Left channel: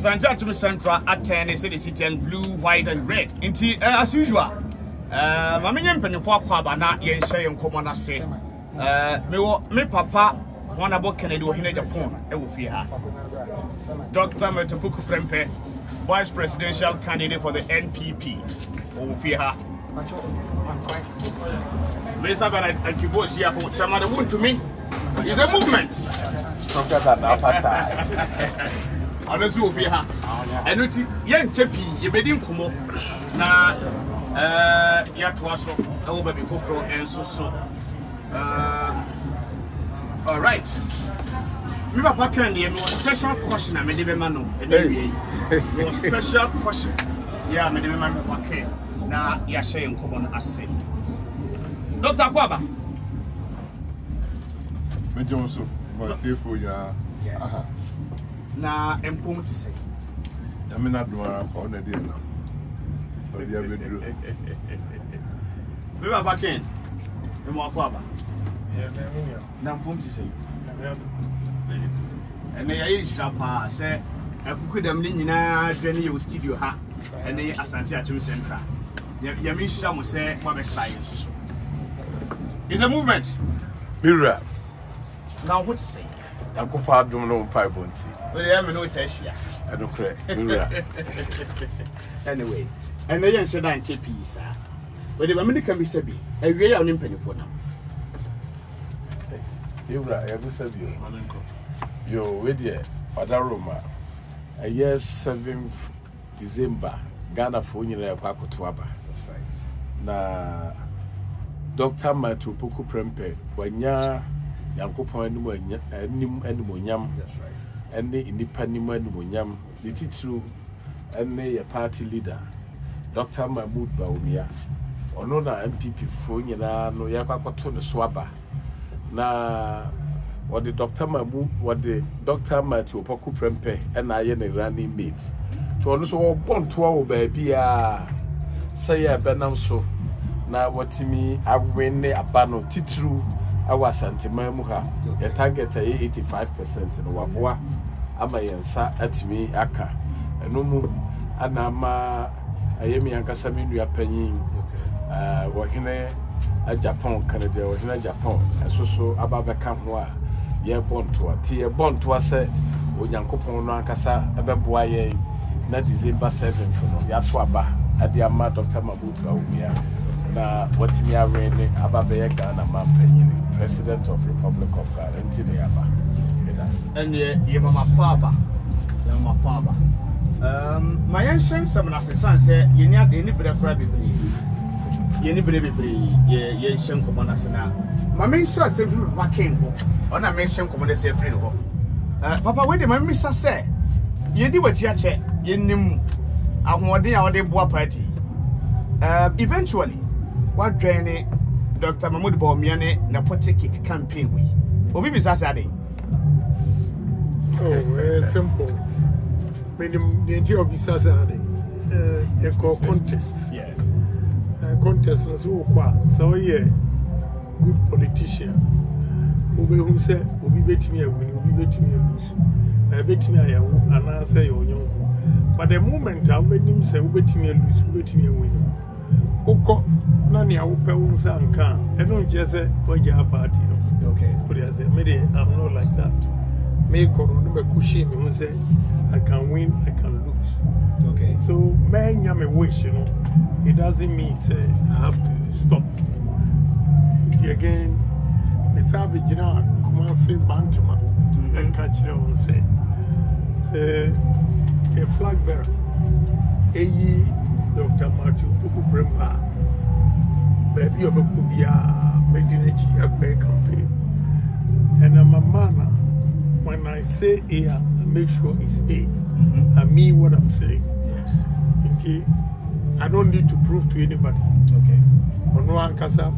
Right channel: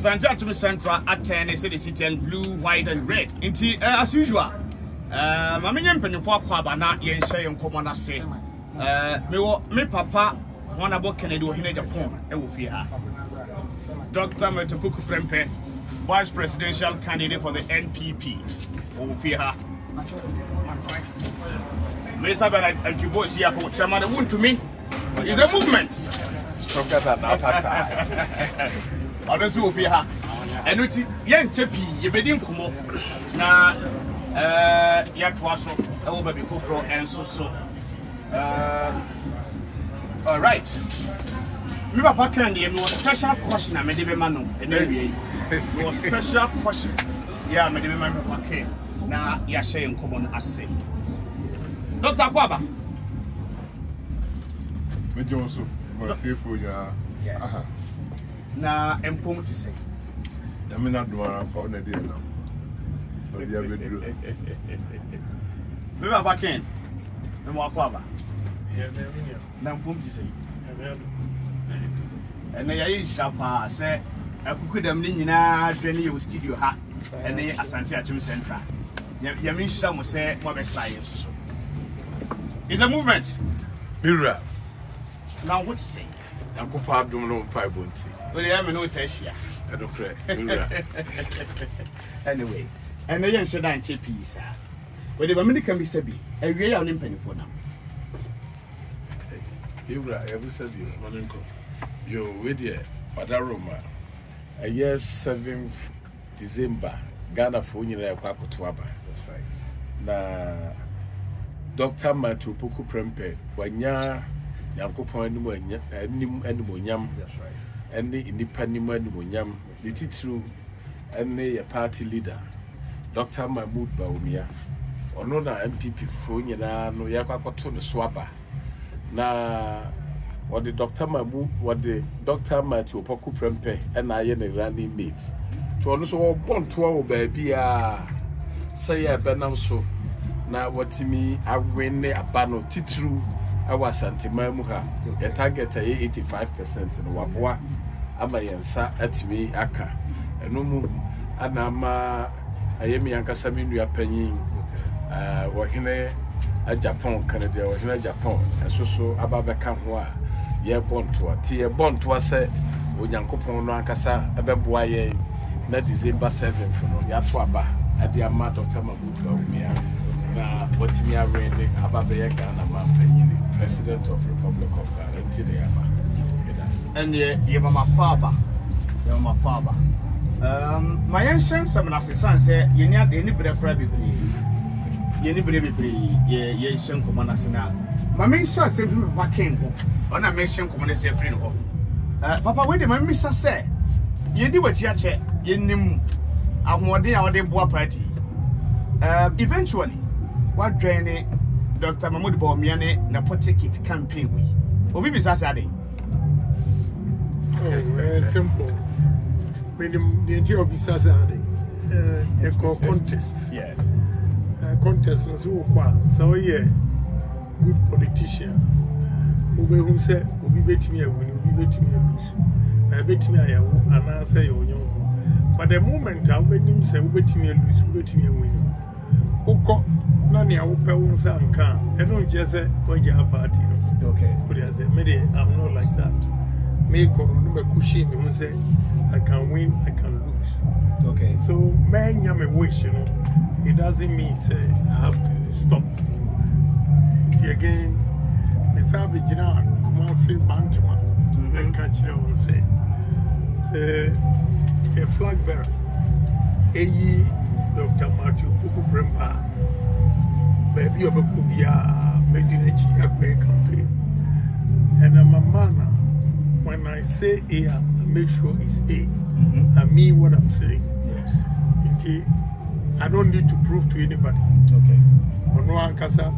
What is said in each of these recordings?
Asante Akim Central attend the city and blue, white, and red. As usual, Mammy Penny for Quabana, yen shay and common say. Me papa, one about Kennedy or Hinja Japan, I will fear her. Dr. Opoku Prempeh, vice presidential candidate for the NPP, I will fear her. Mr. Bernard Antibosia, who Napo Wontumi is a movement. Stronger than our Honestly, over here, and it's young chappy, you made him come up now. Yatwaso, over before from and so. All right. You are talking here, special question. I made him manu, and then your special question. Yeah, I made him manu. Okay, now you're saying come on, I say. Dr. Kwaba. But also, but if we are. Yes. Na empom to say. I mean, not do on a deal now. But you have been we were back in and walk over. Now, empom to say. And may I shall pass, I could have been in our studio, and then Asante Akim Central. Yamisha will say, what science. It's a movement. Mirror. Now, what to say? I could pardon no pipe. Well, I am no test here. I don't pray. Anyway, and they answered on chippy, sir. But the woman can be sabi, a real on penny for now. You ever said you're with you, Padaroma. A year 7th December, Ghana for you, Kwakotwaba. Na Dr. Opoku Prempeh, when ya. Yankopon animonyam any independent animonyam the titru any a party leader Dr. Mahmoud Bawumia ono na MPP fo nyina no yakwakoto the swaba na what the Dr. Mahmoud what the Dr. Opoku Prempeh and I ne running mate to ono so bon to wo ba bia say ya benam so na watimi awene abano titru our Asante Mamuha, a target 85% in Wabwa, Amayansa at me, Aka, and no more, Anama, Ayemi Ankasami, you are penny, Wahine, a Japan, Canada, or Hina Japan, and so Ababa Kamwa, ye born to a tea, born to a say, when Yankopon Rankasa, a babuaye, not December 7th, from Yapwaba, at the amount of time of na what me are reading about the Ghana man, President of Republic of Ghana, until the Yama. And ye mama papa, your mama papa. My ancient some as the son said, you need any brave, any brave, ye shank common as now. My main shall say, what came home, on a mention common as a friend home. Papa, wait, my mister say, ye do what you check, ye knew. I'm one day our day boy party. Eventually, what draining Dr. Mahmoud Bawumia Napo ticket campaign we. Obi bisa sade. Oh, simple. Meaning the entire bisa sade. A contest. Yes. Contest was so yeah, good politician. Obe who said, Obi bet me a win, Obi bet me a lose. I bet me I am, and I say, oh, young. But the moment I bet him say, Obet me a lose, Obet me a win. Oko, Nani, I will pay one son car. I don't just say, why you have party. Okay. But I say, maybe I'm not like that. Me Konongo Kushi, me who say, I can win, I can lose. Okay. So, man, you may wish, you know. It doesn't mean, say, I have to stop. Again, the savage now, come on, say, Bantama, and catch them and say, a flag bearer, Dr. Opoku Prempeh, baby of a Kubia, Medinachi, a great campaign. And I'm a man, when I say A, I make sure it's A. I mean what I'm saying. Yes. I don't need to prove to anybody. Okay. On one casa,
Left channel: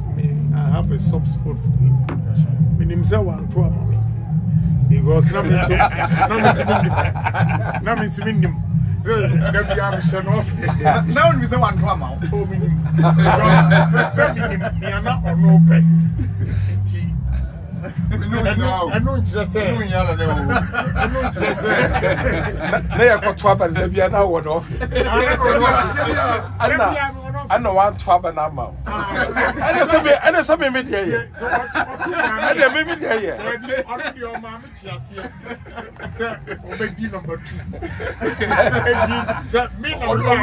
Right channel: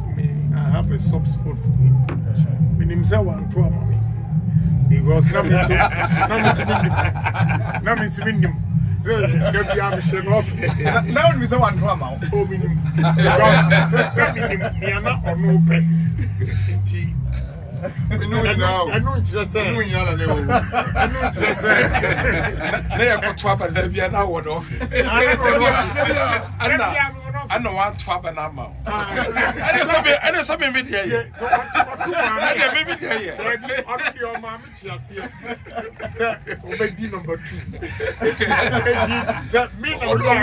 I have a soft spot for him. That's right. Meaning, say one to mommy. Because now Miss Mindim. Maybe I'm shut off. Now we say one to mouth. Oh, minimum. Because me are not on no pay. I know what you're saying. I know what you're saying. They are got trouble, maybe I know what off. I know one trouble now. I know something with you. So, what maybe here? I'm your mamma, sir. Obey number 2. Sir, me number 1.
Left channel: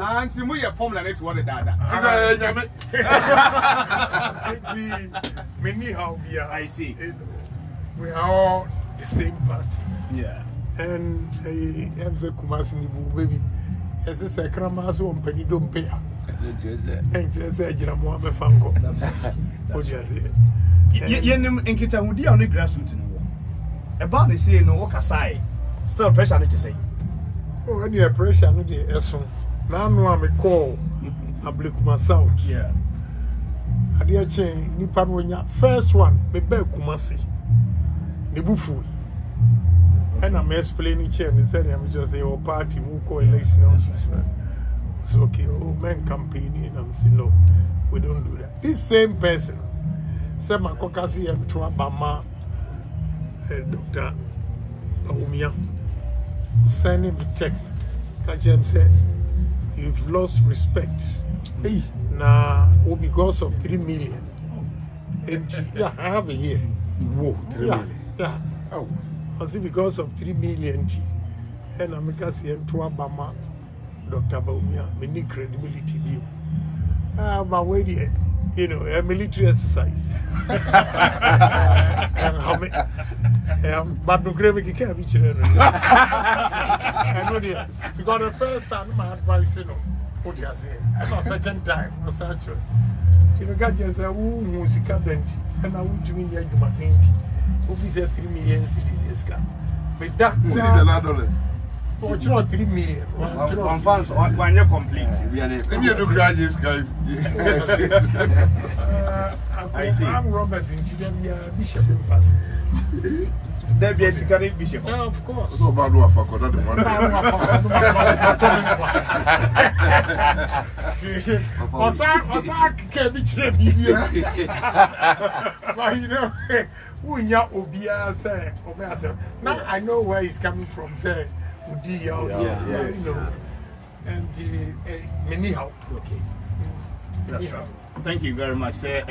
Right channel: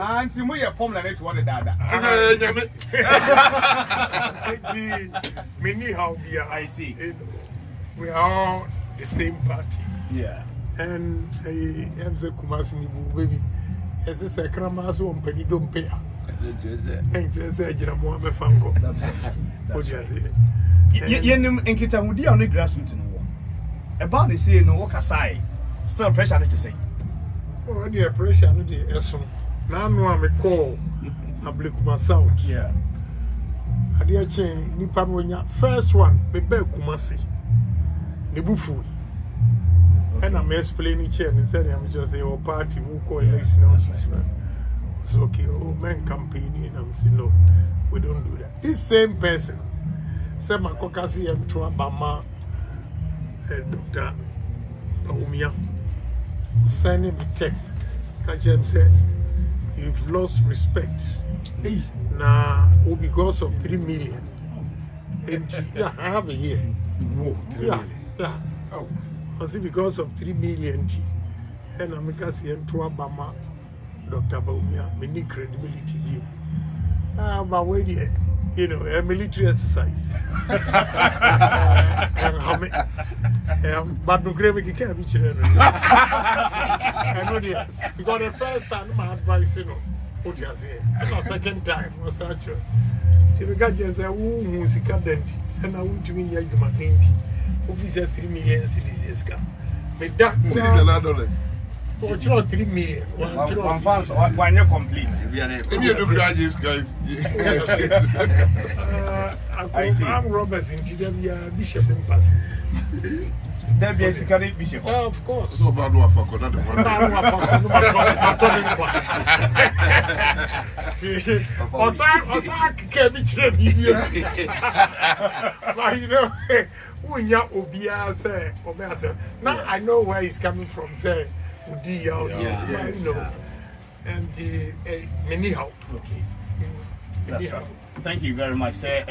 And see, we are formula next one. Dada. I see. We are all the same party. Yeah. And I'm the Kumasi baby. As a sacrament, one penny don't pay. And just say, Jiramoa Fango. What do you say? Yenim enkita hudi on the grassroots no wo. About the say no work aside. Still pressure to say. Oh, any pressure no dey eso. Na no am call Ablekuma South. Yeah. Ade chen nipa no nya first one be be Kumasi. Ne bufu. And I'm explaining chair and said I'm just say our party who call election on this one. So okay, oh men campaigning I'm saying no, we don't do that. This same person said my kokasi and to Abama Dr. Baumia sending me text. Kajem said you've lost respect. Hey. Now because of 3 million. And yeah, I have it here. Whoa, 3 million. Yeah. Oh. I see because of 3 million and I'm going to Abama Dr. Baumia, many credibility deal. But wait here, you know, a military exercise. But no gravity can't be children. I know that because the first time my advice, you know, what you say, the second time was actually. The guy just said, "Who musical dent?" And I want to mean you my 20. Officer 3 million citizens come. But that is $1. Oh, 3 million. One fans one year complete. Maybe you look at this guys. I'm Roberts in TW Bishop in Pass. There be a secret bishop. Yeah, of course. So bad one for that one. But you know, now I know where he's coming from. Say, you know, and many help. Okay. Thank you very much, sir.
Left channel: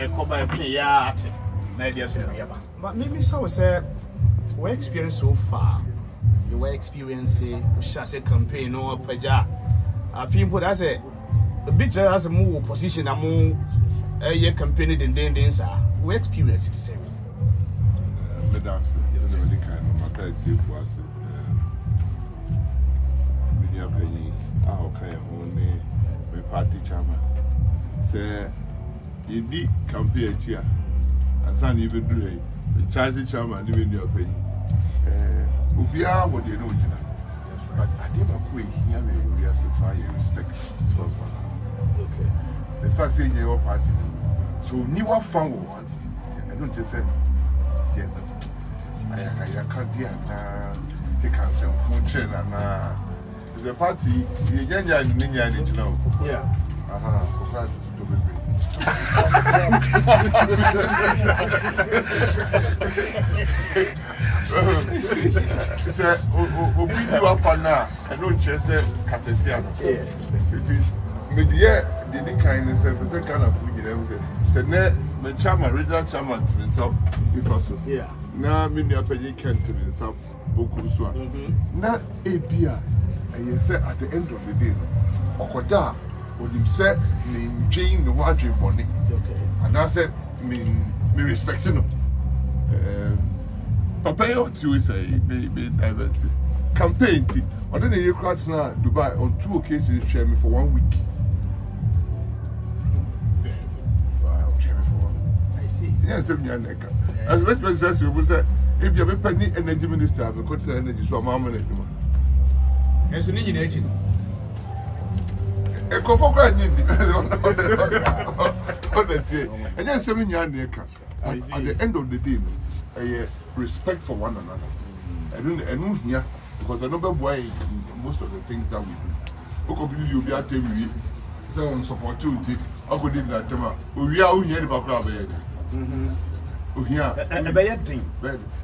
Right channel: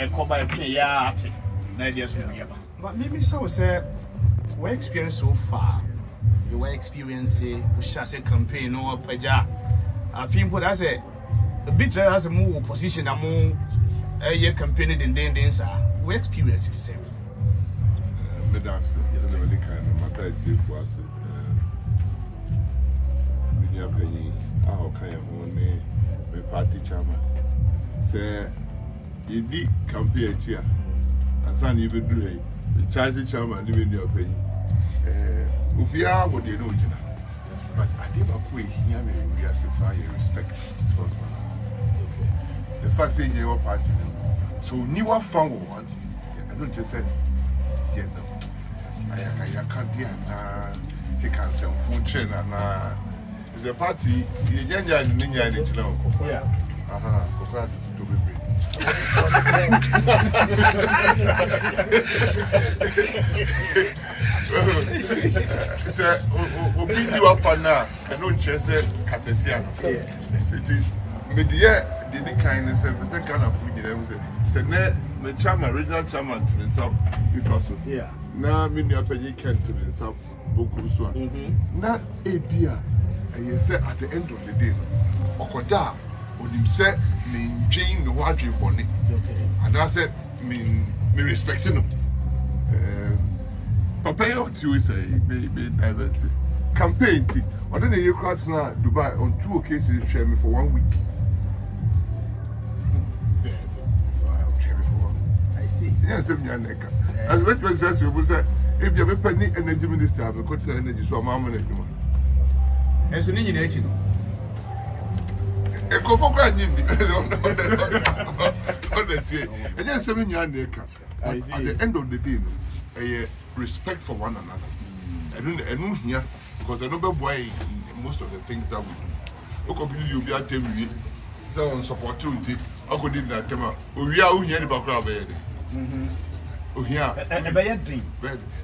But maybe so, sir. What experience so far? Your experience, we shall say campaign or preja. I feel what I say. A bit as a more position among a year campaign in Dendens are. We experience it the same. That's really kind of matter for us. We are paying our kind of money, my party chairman. Say, you did campaign here, and son, you would do it. The charge chairman living your pay. We are what you know, but I never quit here. We are supplying respect. The fact that you are party, so newer found one. I don't just say, I can't deal. he can sell food chain and it's a party. The Yanya and Ninya and now. Yeah. To be great. It's a video for now. I don't chase Cassetiano. Media did the kindness of the kind of food you said, the chairman, regional chairman to himself, if also. Yeah. Now, many of you can to himself, Bokuswa. Not a beer. And you said at the end of the day, Okoda. When him said, me Jane no watching bonnie, and I said, me respecting him. Papa, you to say, be diverted. Campaign, or then you cross now Dubai on 2 occasions, share me for 1 week. Wow, share me for 1 week. I see. Yes, as West President was that if you have a penny energy minister, I will cut the energy, so I'm managing. There's an engine. A coffee crying in the and then 7 years later. At the end of the day, a respect for one another. I don't hear because I know why most of the things that we do. Okay, you'll be at the so support to it. I could in that time. We are only about crowd. Oh, yeah, and a bad thing.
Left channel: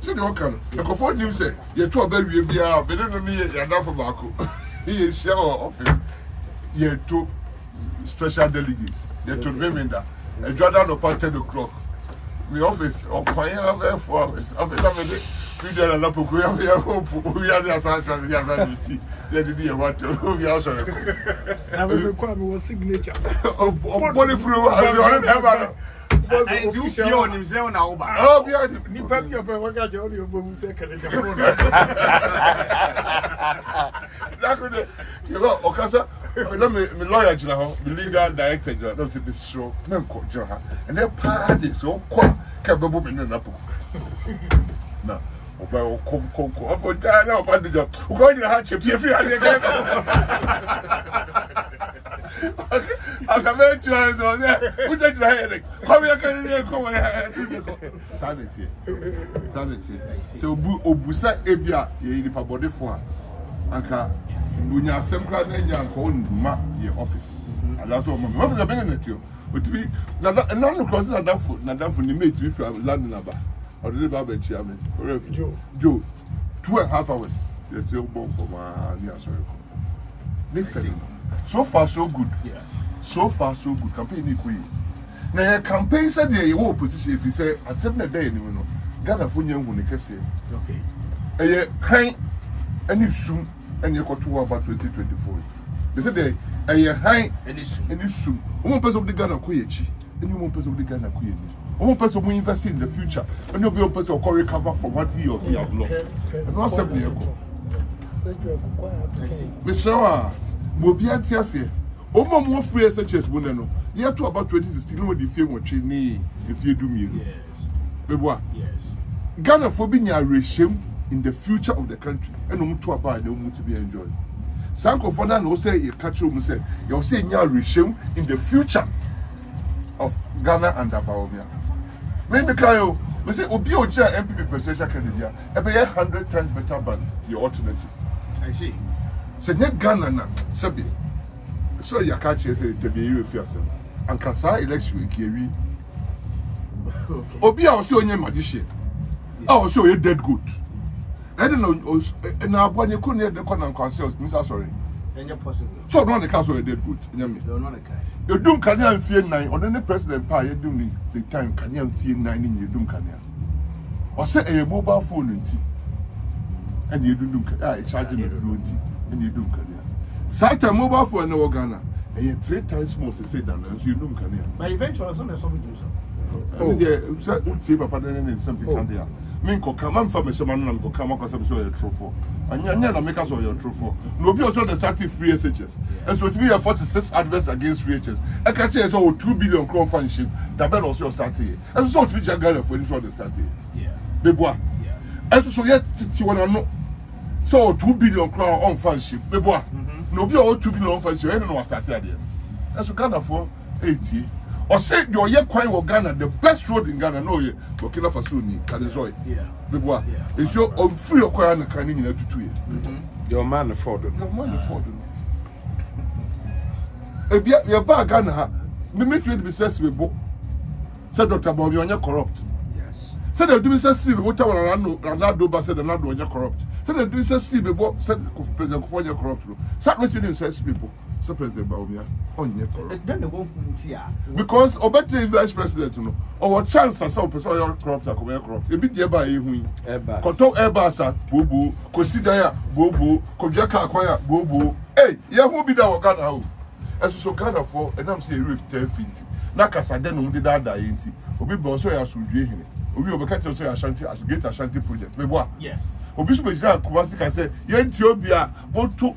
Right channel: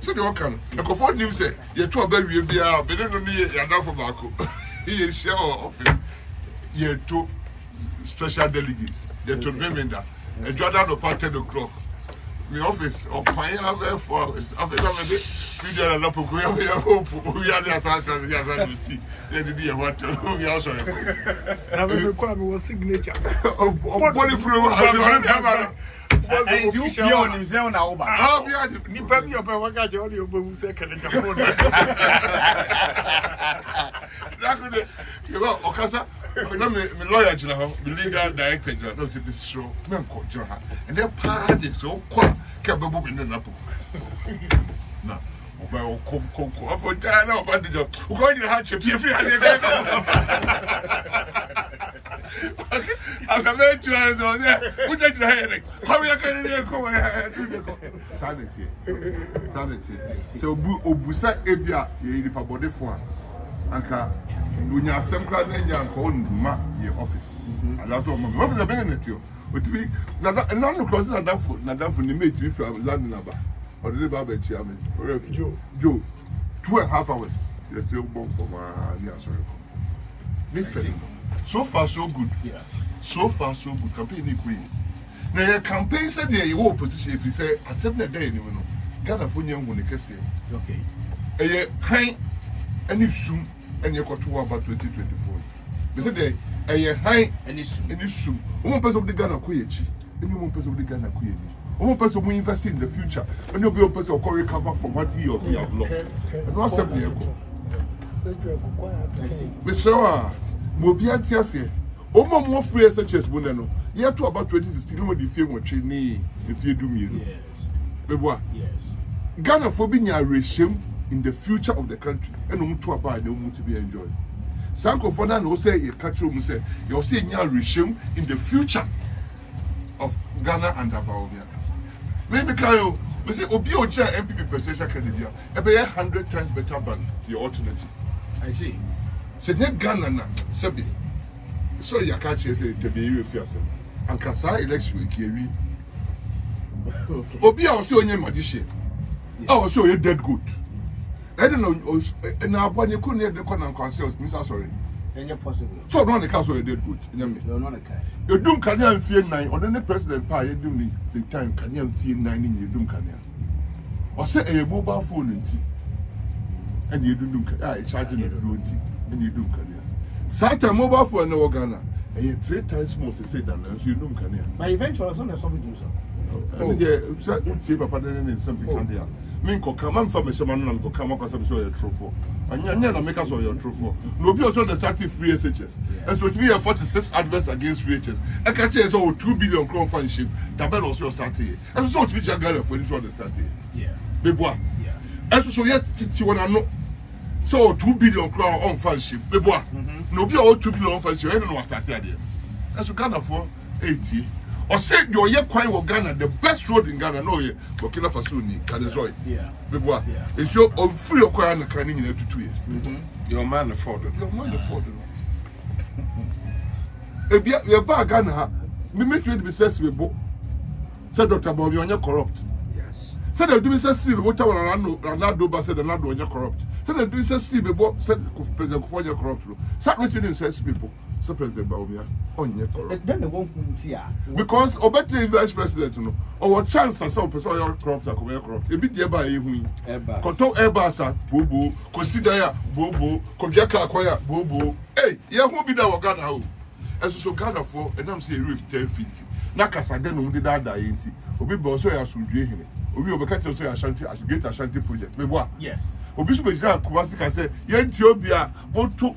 So the one the comfort him say, you're 12 baby, be out, but don't me, you're not for Marco. He is share office. You're 2 special delegates. You're 2 remainder. And Jordan about 10 o'clock. The office of fire for hours. Office of the video and Napo we are the Asante tea. They did you want to we also. And we require our signature. Of body proof. And you on himself now. Oh, yeah, you probably up and got your audio boom second. That could you know, Okasa. Let me lawyer, the legal director, don't say this show, and they're party so quick, Kababoom in the Napo. No, about Conco, for Diana, about the job. We're going to have to be free. I can make you on there. Who did your headache? How are you going to go and sanity? Sanity. So, Obusa Ebia, you need to body for Anka. When you are some crowd, you are going to your office. And that's what my office is benefit you. But we none of crossing that foot, not that for the mate if you are landing about. Or the barber chairman, or Joe, 2.5 hours. You're still born for my near sorry. So far, so good. Yeah. So far, so good. Campaign queen. Now, your campaign said you were position if you say, I tell the day, you know, Ghana for young when you can say, okay. And you soon. And you got to about 2024. They said they are high and it's soon. One person of the Ghana Kuyachi, and one person of the Ghana Kuyachi. One person will invest in the future, and you'll be a person who recover from what he or he have lost. And not 7 years ago. Mr. Mobia Tiasia, Oma more free such as Bonano. You have to about 2016 when the film was training if you do me. Yes. Yes. Ghana for being a regime in the future of the country, and no to abide, no to be enjoyed. Sanko for that, no say you catch you say, you're saying your regime in the future of Ghana and Abaomia. Maybe Kayo, we say Obio MPP presidential candidate, about 100 times better than your alternative. I see. So net Ghana na Sabi. So you catch you say the be fierce. And Kasa election we carry. Obia also onye magician. I was so dead good. I don't know. Now, when you couldn't hear the Konongo Council, Mr. Sorry. Possible. So, no, the council did good. You're not a guy. You don't can you fear 9 or then the president pay you do the time can you fear 9 in your doom can you? Or say a mobile phone in tea and you do charging the room tea and you do can you? Sat a mobile phone in Ghana and you 3 times more to say than as you do can you? But eventually, something do so. Oh, yeah, Papa, then something can there. Minko come on from a shaman and go come up as I'm so a true and you're make us all your true for. No, be also the starting free SHS. And so we have 46 adverts against free HS. I can say so 2 billion crown fundship that Ben also started. And so to be Jagger for the starting. Yeah. Bebois. Yeah. And so yet you want to know. So 2 billion crown on fundship. Bebois. No, be all 2 billion fundship. I don't know what started there. And so kind of for 80. Or say your year quite Ghana, the best road in Ghana, no, Burkina Faso, Kadazoy. Yeah. Bebois. If you're on free or quiet and canning in 2 years. Your man afforded. Your man afforded. If you're back Ghana, we make you be sensible. Said Dr. Bobby, you're corrupt. Yes. Said the do see what I Ronaldo said the Nado you're corrupt. Said the do see before said President for your corrupt. Sat what you didn't say people. So President Baumia on your corrupt. Then the one because Obete vice president, you know, or chance as some person you're corrupt or corrupt. A bit by you. Control Airbus, Bobo, consider Bobo, Kojaka acquire Bobo. Hey, you won't be there Ghana. As so Ghana for and I'm saying rift 10 feet. Nakasa den no did that enti obi bo so ya sudwe hene obi obekata so ya Ashanti as great Ashanti project me boa yes obi so be jira Kumasi ka say yenti obi a moto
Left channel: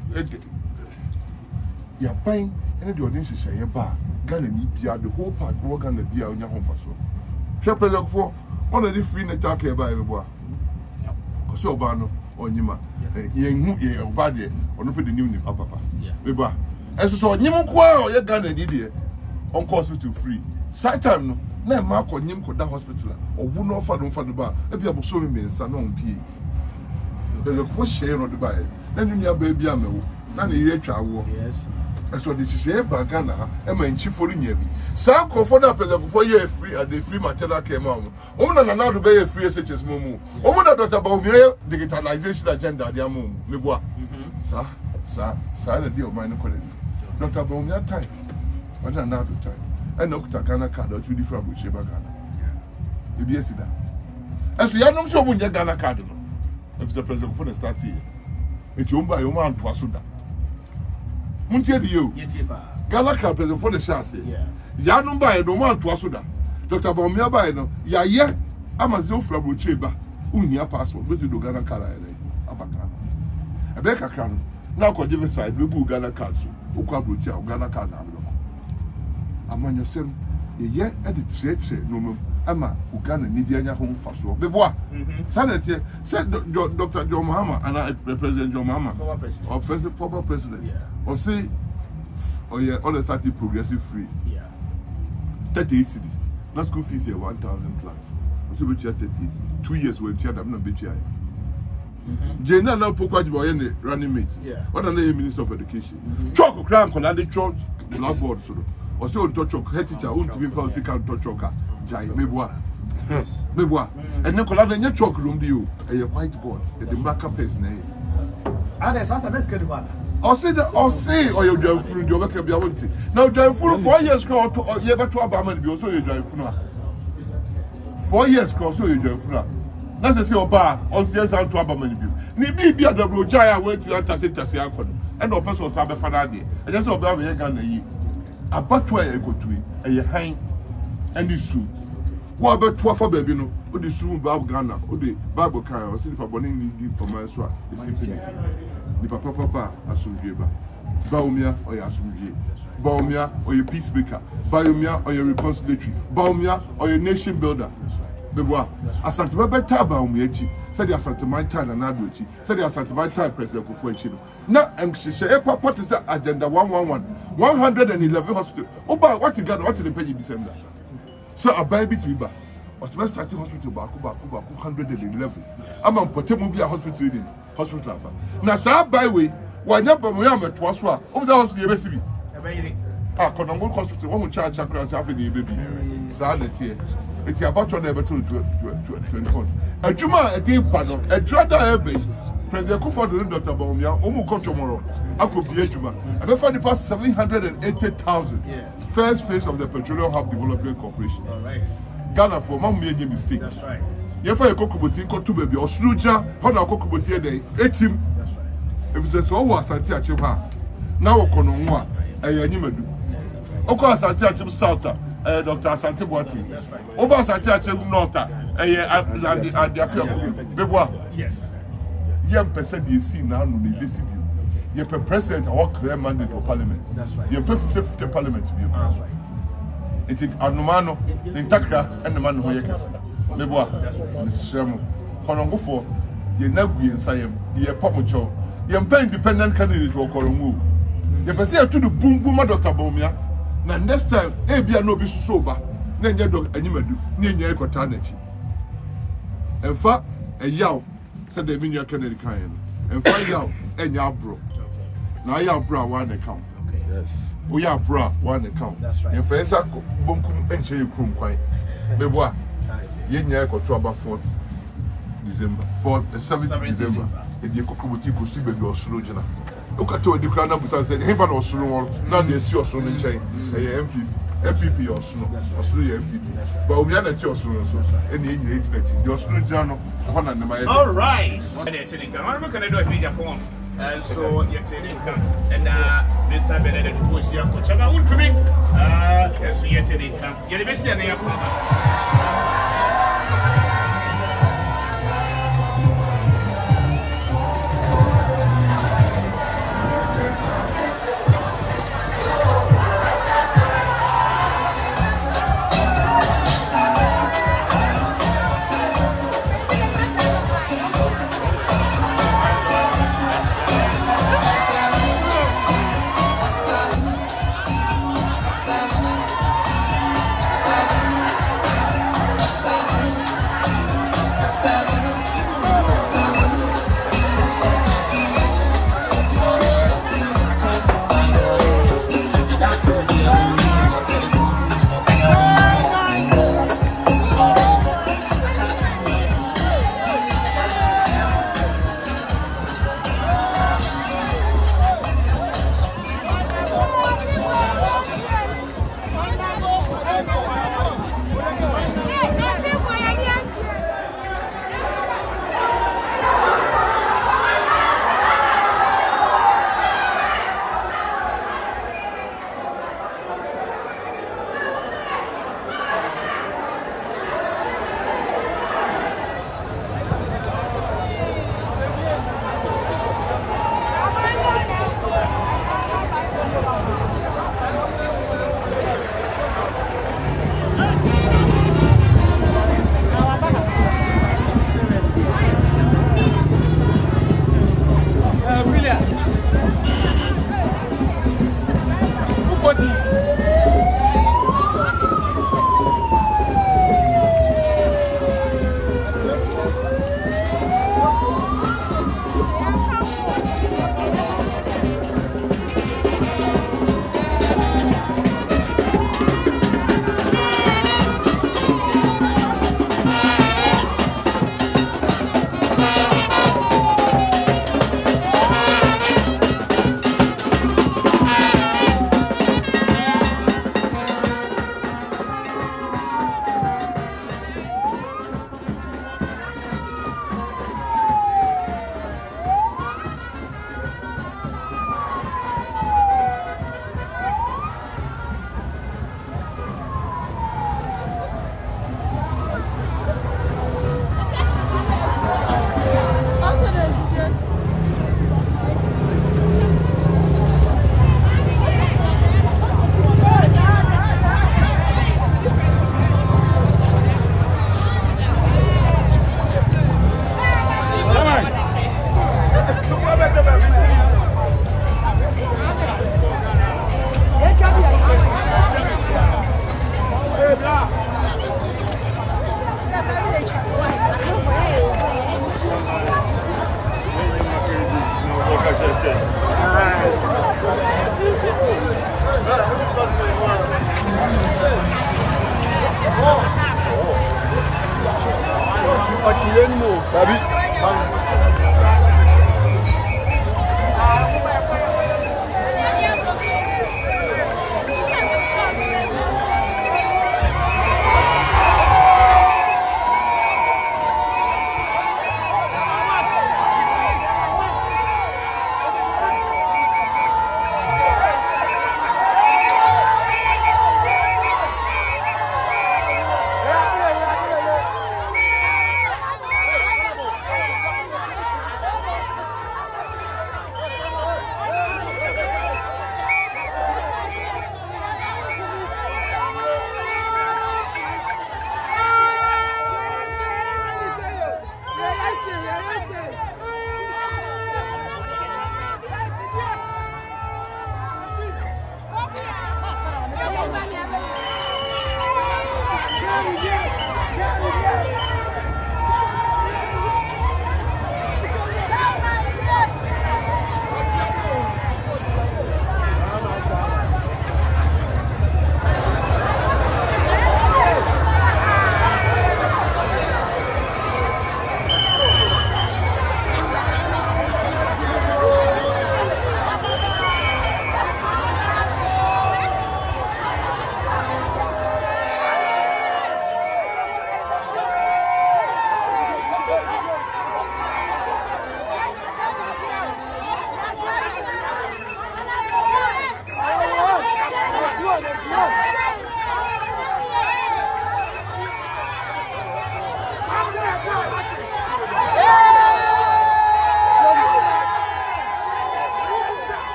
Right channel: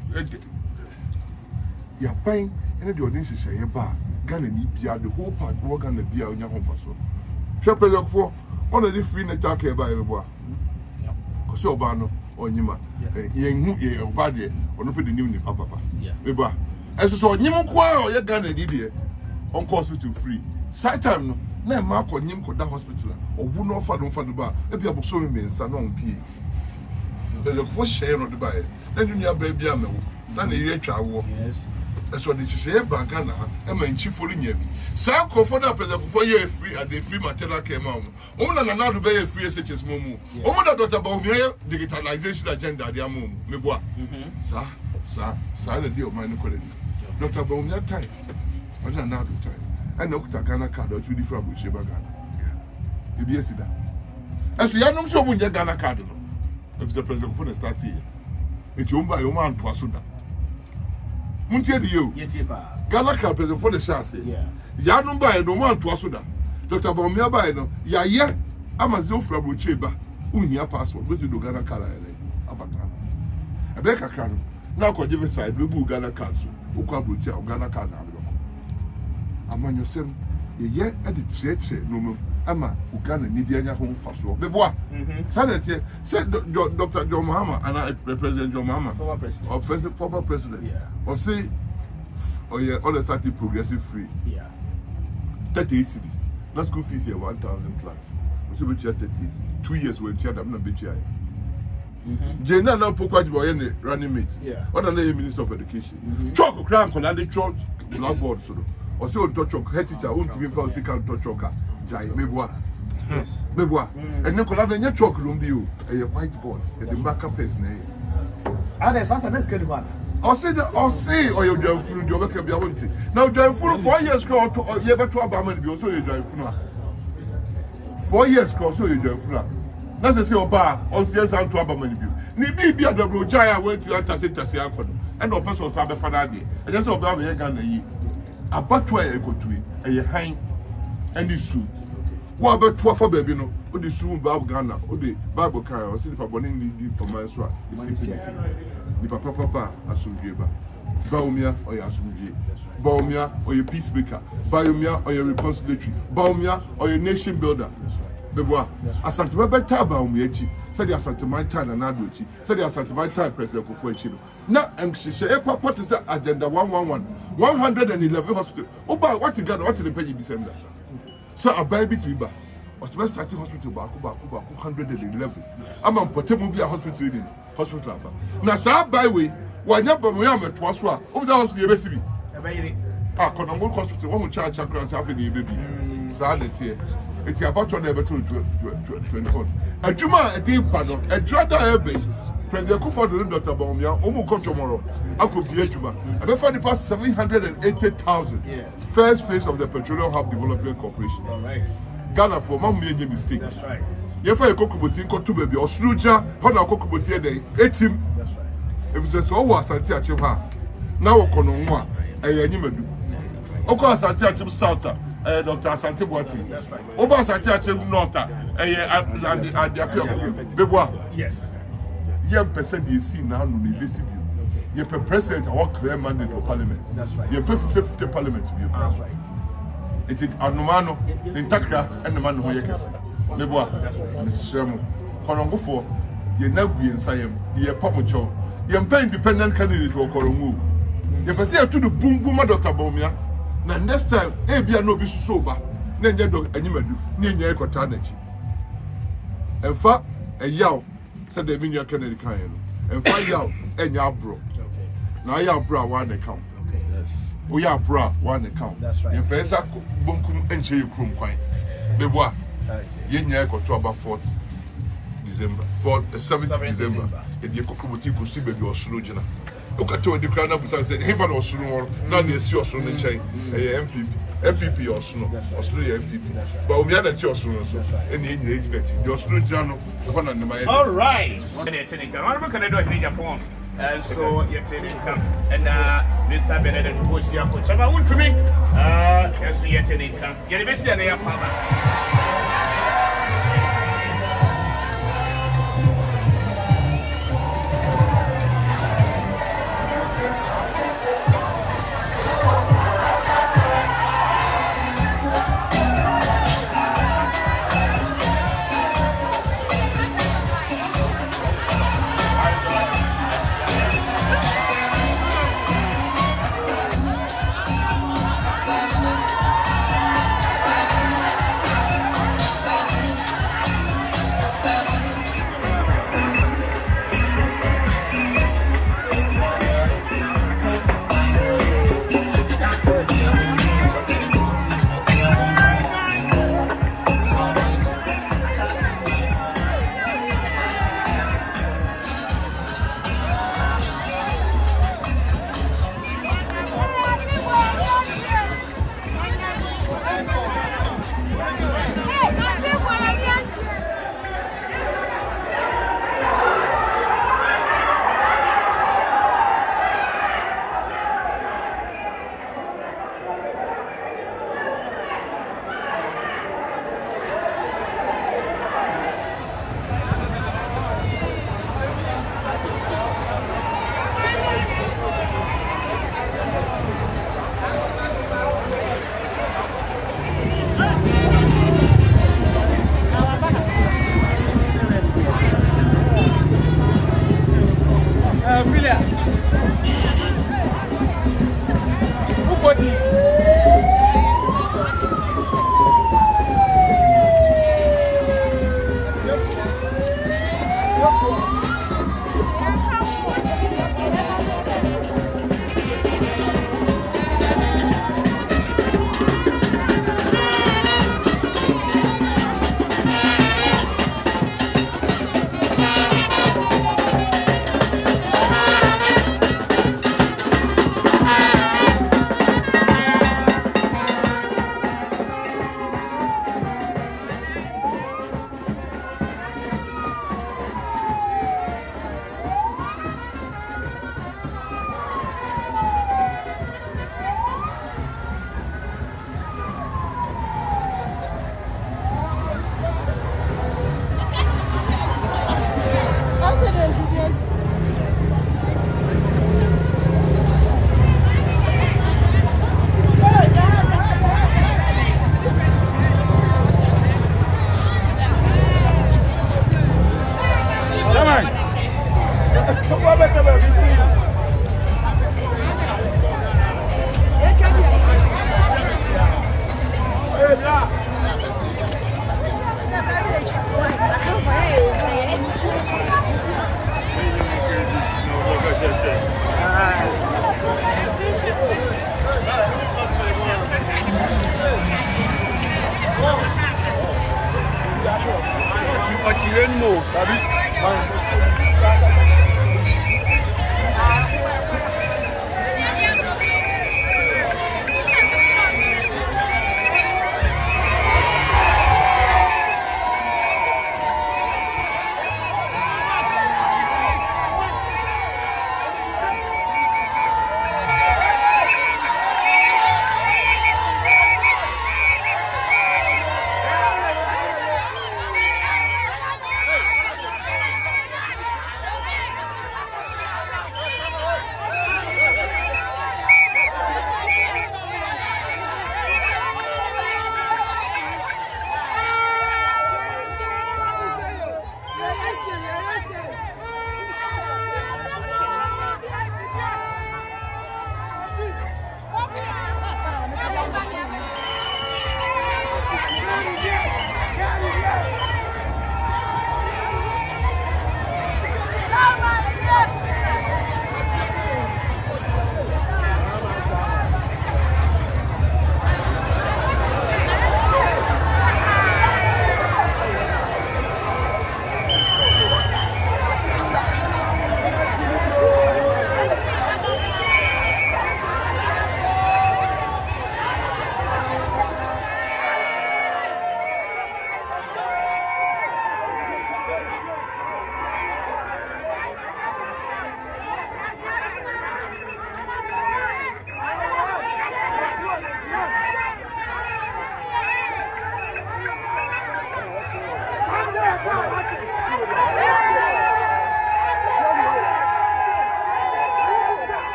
ya pan ene de odin hihye ye ba Ghana ni bia the whole park wo Ghana bia onya honfa so hwe president for on the free network e ba e boa ko so oba no onyima yen hu ye oba de ono pe de new ni papa me boa eso so onyim kwa o ye Ghana di de on hospital free. Side time no, na mark on him could that hospital or would not find on the bar. If you have so many son on P. The first share on the buy. Then you have baby ammo. None a year travel. Yes. That's what this is here back Ghana. I'm in chief for the Sam Crawford up before you free at the free maternal care mom. Woman and another bay free SHS Momo. Woman Dr. Baumia digitalization agenda, dear mom. Meboa. Sir, the deal of mine. Dr. Baumia time. Another time. I know Ghana card or 2 different with Sheba Ghana. You be a sida. As we are not sure when you Ghana card, if the president for the start here, it's owned by your man to Asuda. Muntia you, Ghana card president for the chassis. Yanum by no man to Asuda. Dr. Baumia by no, ya, Amazon from Ucheba, Unia passport, but you do Ghana card. Abagana. A Becca can now could give a side, we Ghana card, Uka Ghana card. Among yourself, ye at the church, no, Ama, Uganda, Nibiana home for so. Bebois, Sanity said Dr. John Mahama and I represent John Mahama, former president, or say, or yeah, all the started progressive free. 38 cities, not school fees here 1,000 plus. So we 38, 2 years when you had them not be here. Jena now Opoku boy running mate. What are the Minister of Education? Chalk crown Konadi church blackboard so. Or so touch of head teacher who to be for second touch choker. Jai Meboa. Meboa. And Nicola in your chalk room do you a whiteboard at the back of his name. And there's a best good one. Or say or you drive through your work of your own. Now drive full 4 years ago to year to Obama be also you drive through. 4 years ago so you drive through. That's the same bar on CS and to Abamani. Ni be at the Brojaya went to Antasita Siakon and no person was Abba Fanadi. I just observe a Ghana. About where I go to it, a hang and the soup. What about 12 baby? No, or the soup, Bab Ghana, or the Bible car, or Silver Bonnie, the Pomaswa, the Papa, Asumgiba, Baumia or Yasumgi, Baumia or your peacemaker, Baumia or your reconciliatory, Baumia or your nation builder. Bebois, Asante Baumia, said the Asante my time and Aduchi, said the Asante my time President Kufuachino. Now, I'm saying, what is agenda 111? 111 hospital. Oh, but what you got? What did they pay you December? So, I buy bit riba. Was the best starting hospital Baku 111. I'm on Potemobia hospital in hospital. Now, sir, by way, why not? But we are at Twaswa over the hospital. Ah, Konongo hospital. One charge across half in the baby. Sad here. It's about to never to 24. A Juma, a deep pardon, a Drada airbase. President Kufuor Dr. Baumia, Omuko tomorrow. I could be a Juma. I before the past 780,000. First phase of the Petroleum Hub Development Corporation. Ghana for one major mistake. That's right. You find a cocobutin got to baby or Sluja, how now cocobutin day, 18. If it's a so was Asante Akim now Konongo a Yanimadu. Oko Asante Akim South, Dr. Asante Boati. Over Asante Akim North, and the appeal. Bebois. Yes. Young person you see now no be distribute. You per president or clear mandate for parliament. That's right. You per 50 parliament to be. That's right. It's Anomano, Intakra, and the man who yakes. Leboa, Miss Sherman. Konongo for you never be inside him. You Pamucho. You pay independent candidate to Konongo. You per say to the boom Dr. Baumia. Now next time, be no be sober. Then you do animadu. Ninya Kotanechi. And fa a yaw said the Minya Kennedy kind. And fa yaw and yaw bro. Now yaw bra one account. Okay. Yes. We are bra one account. That's right. In Fesa Bunkum and Chay Krum Quine. Meboa. Yenya ko to about 4th December. 7th December. E dey kokobuti ko si baby osuro gina. Look at the crown of said, "Hey, for osuro now dey see osuro in chain. MPP osuro MPP. But we are not osuro so. Any age that the osuro gina one and my. All right. I'm going to do a video poem. So you're taking come and Mr. Benedict was here. Coach, I want to make as we are taking come. You're the best in your power.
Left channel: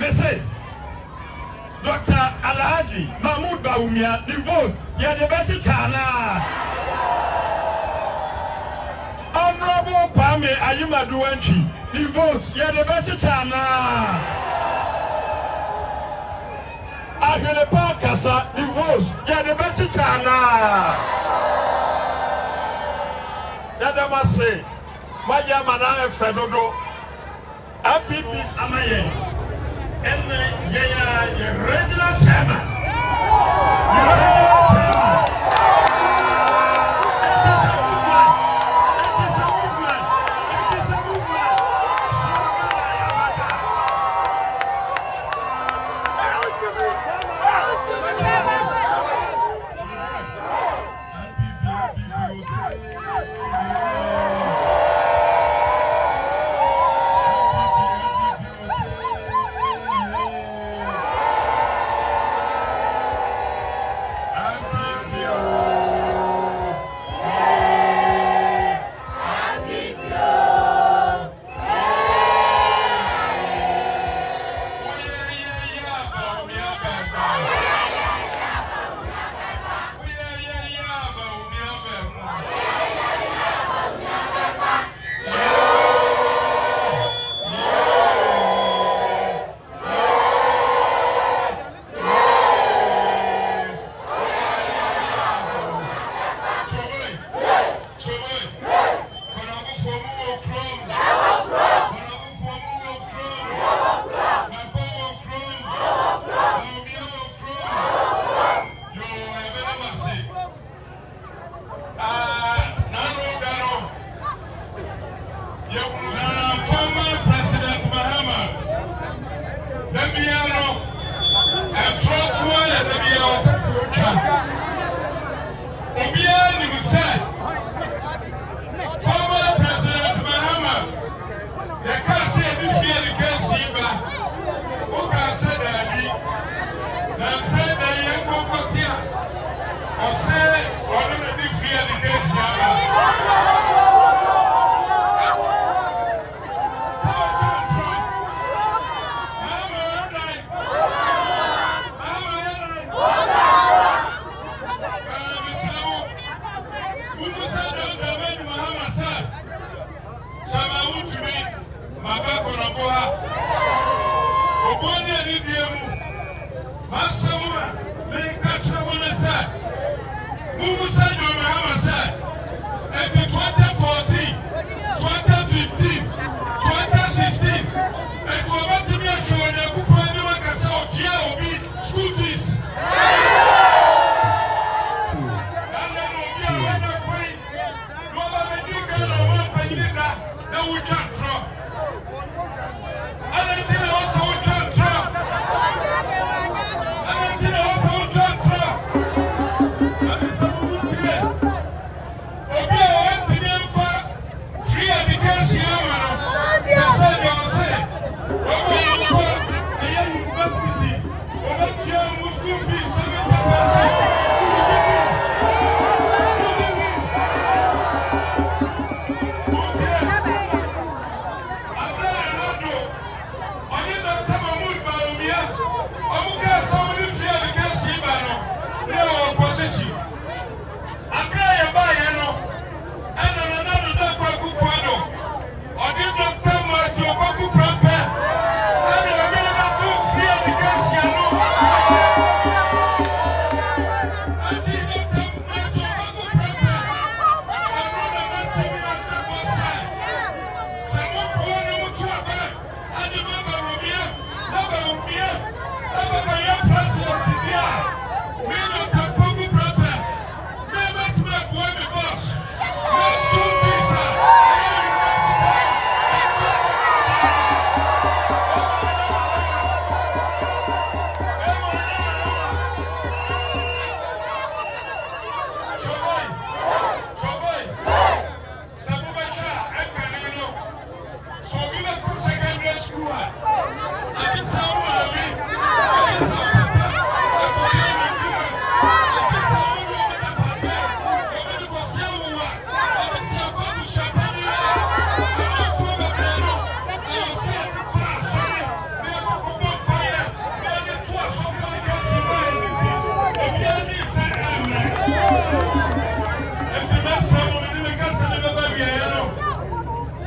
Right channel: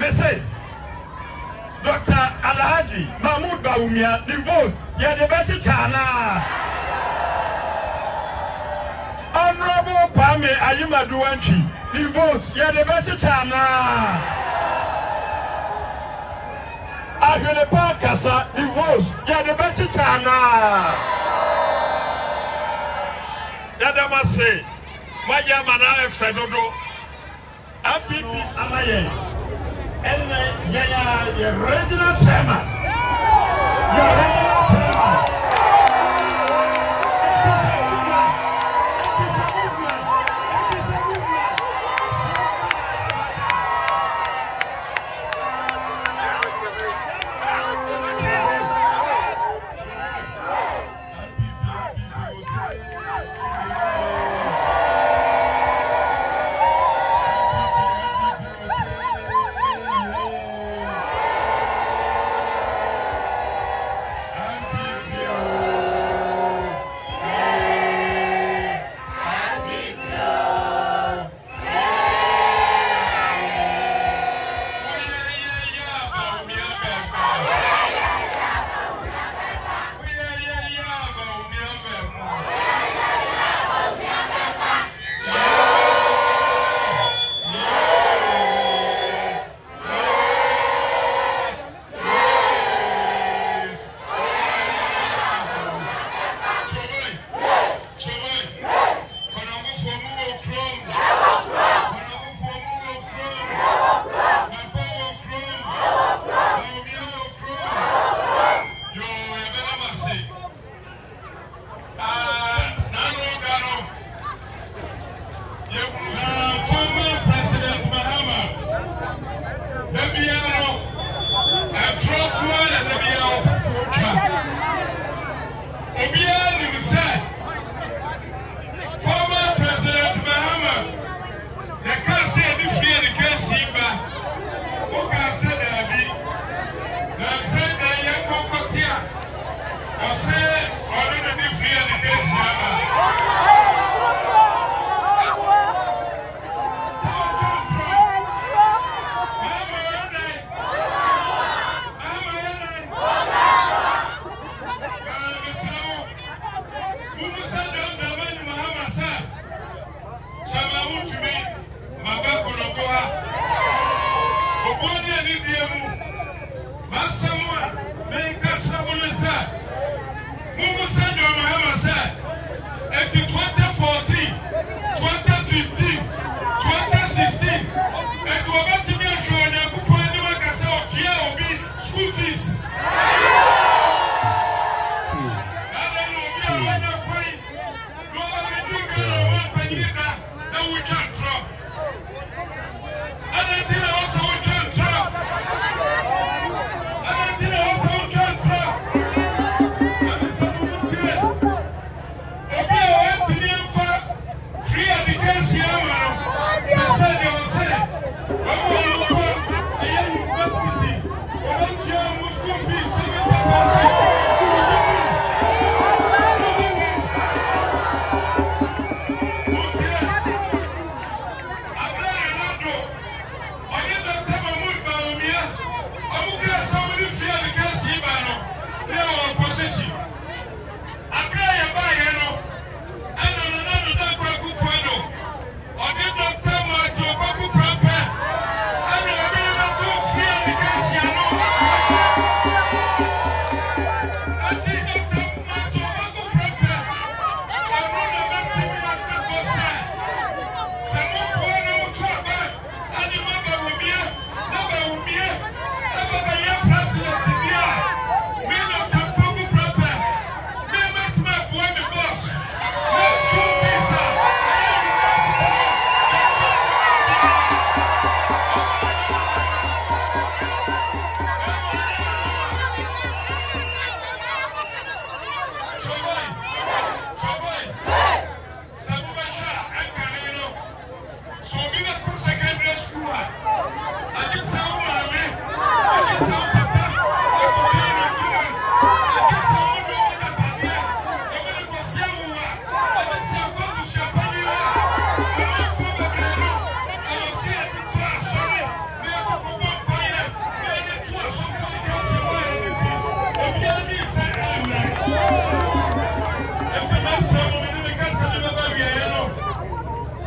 me say Dr. Alhaji Mahmoud Bawumia the vote ya the better chana Honorable Kwame Ayimadu the vote ya the better chana Ahwelepa Kasa the vote ya the better chana Yadama say Maya Mana Fedodo Apipi Amaye and the regional chairman.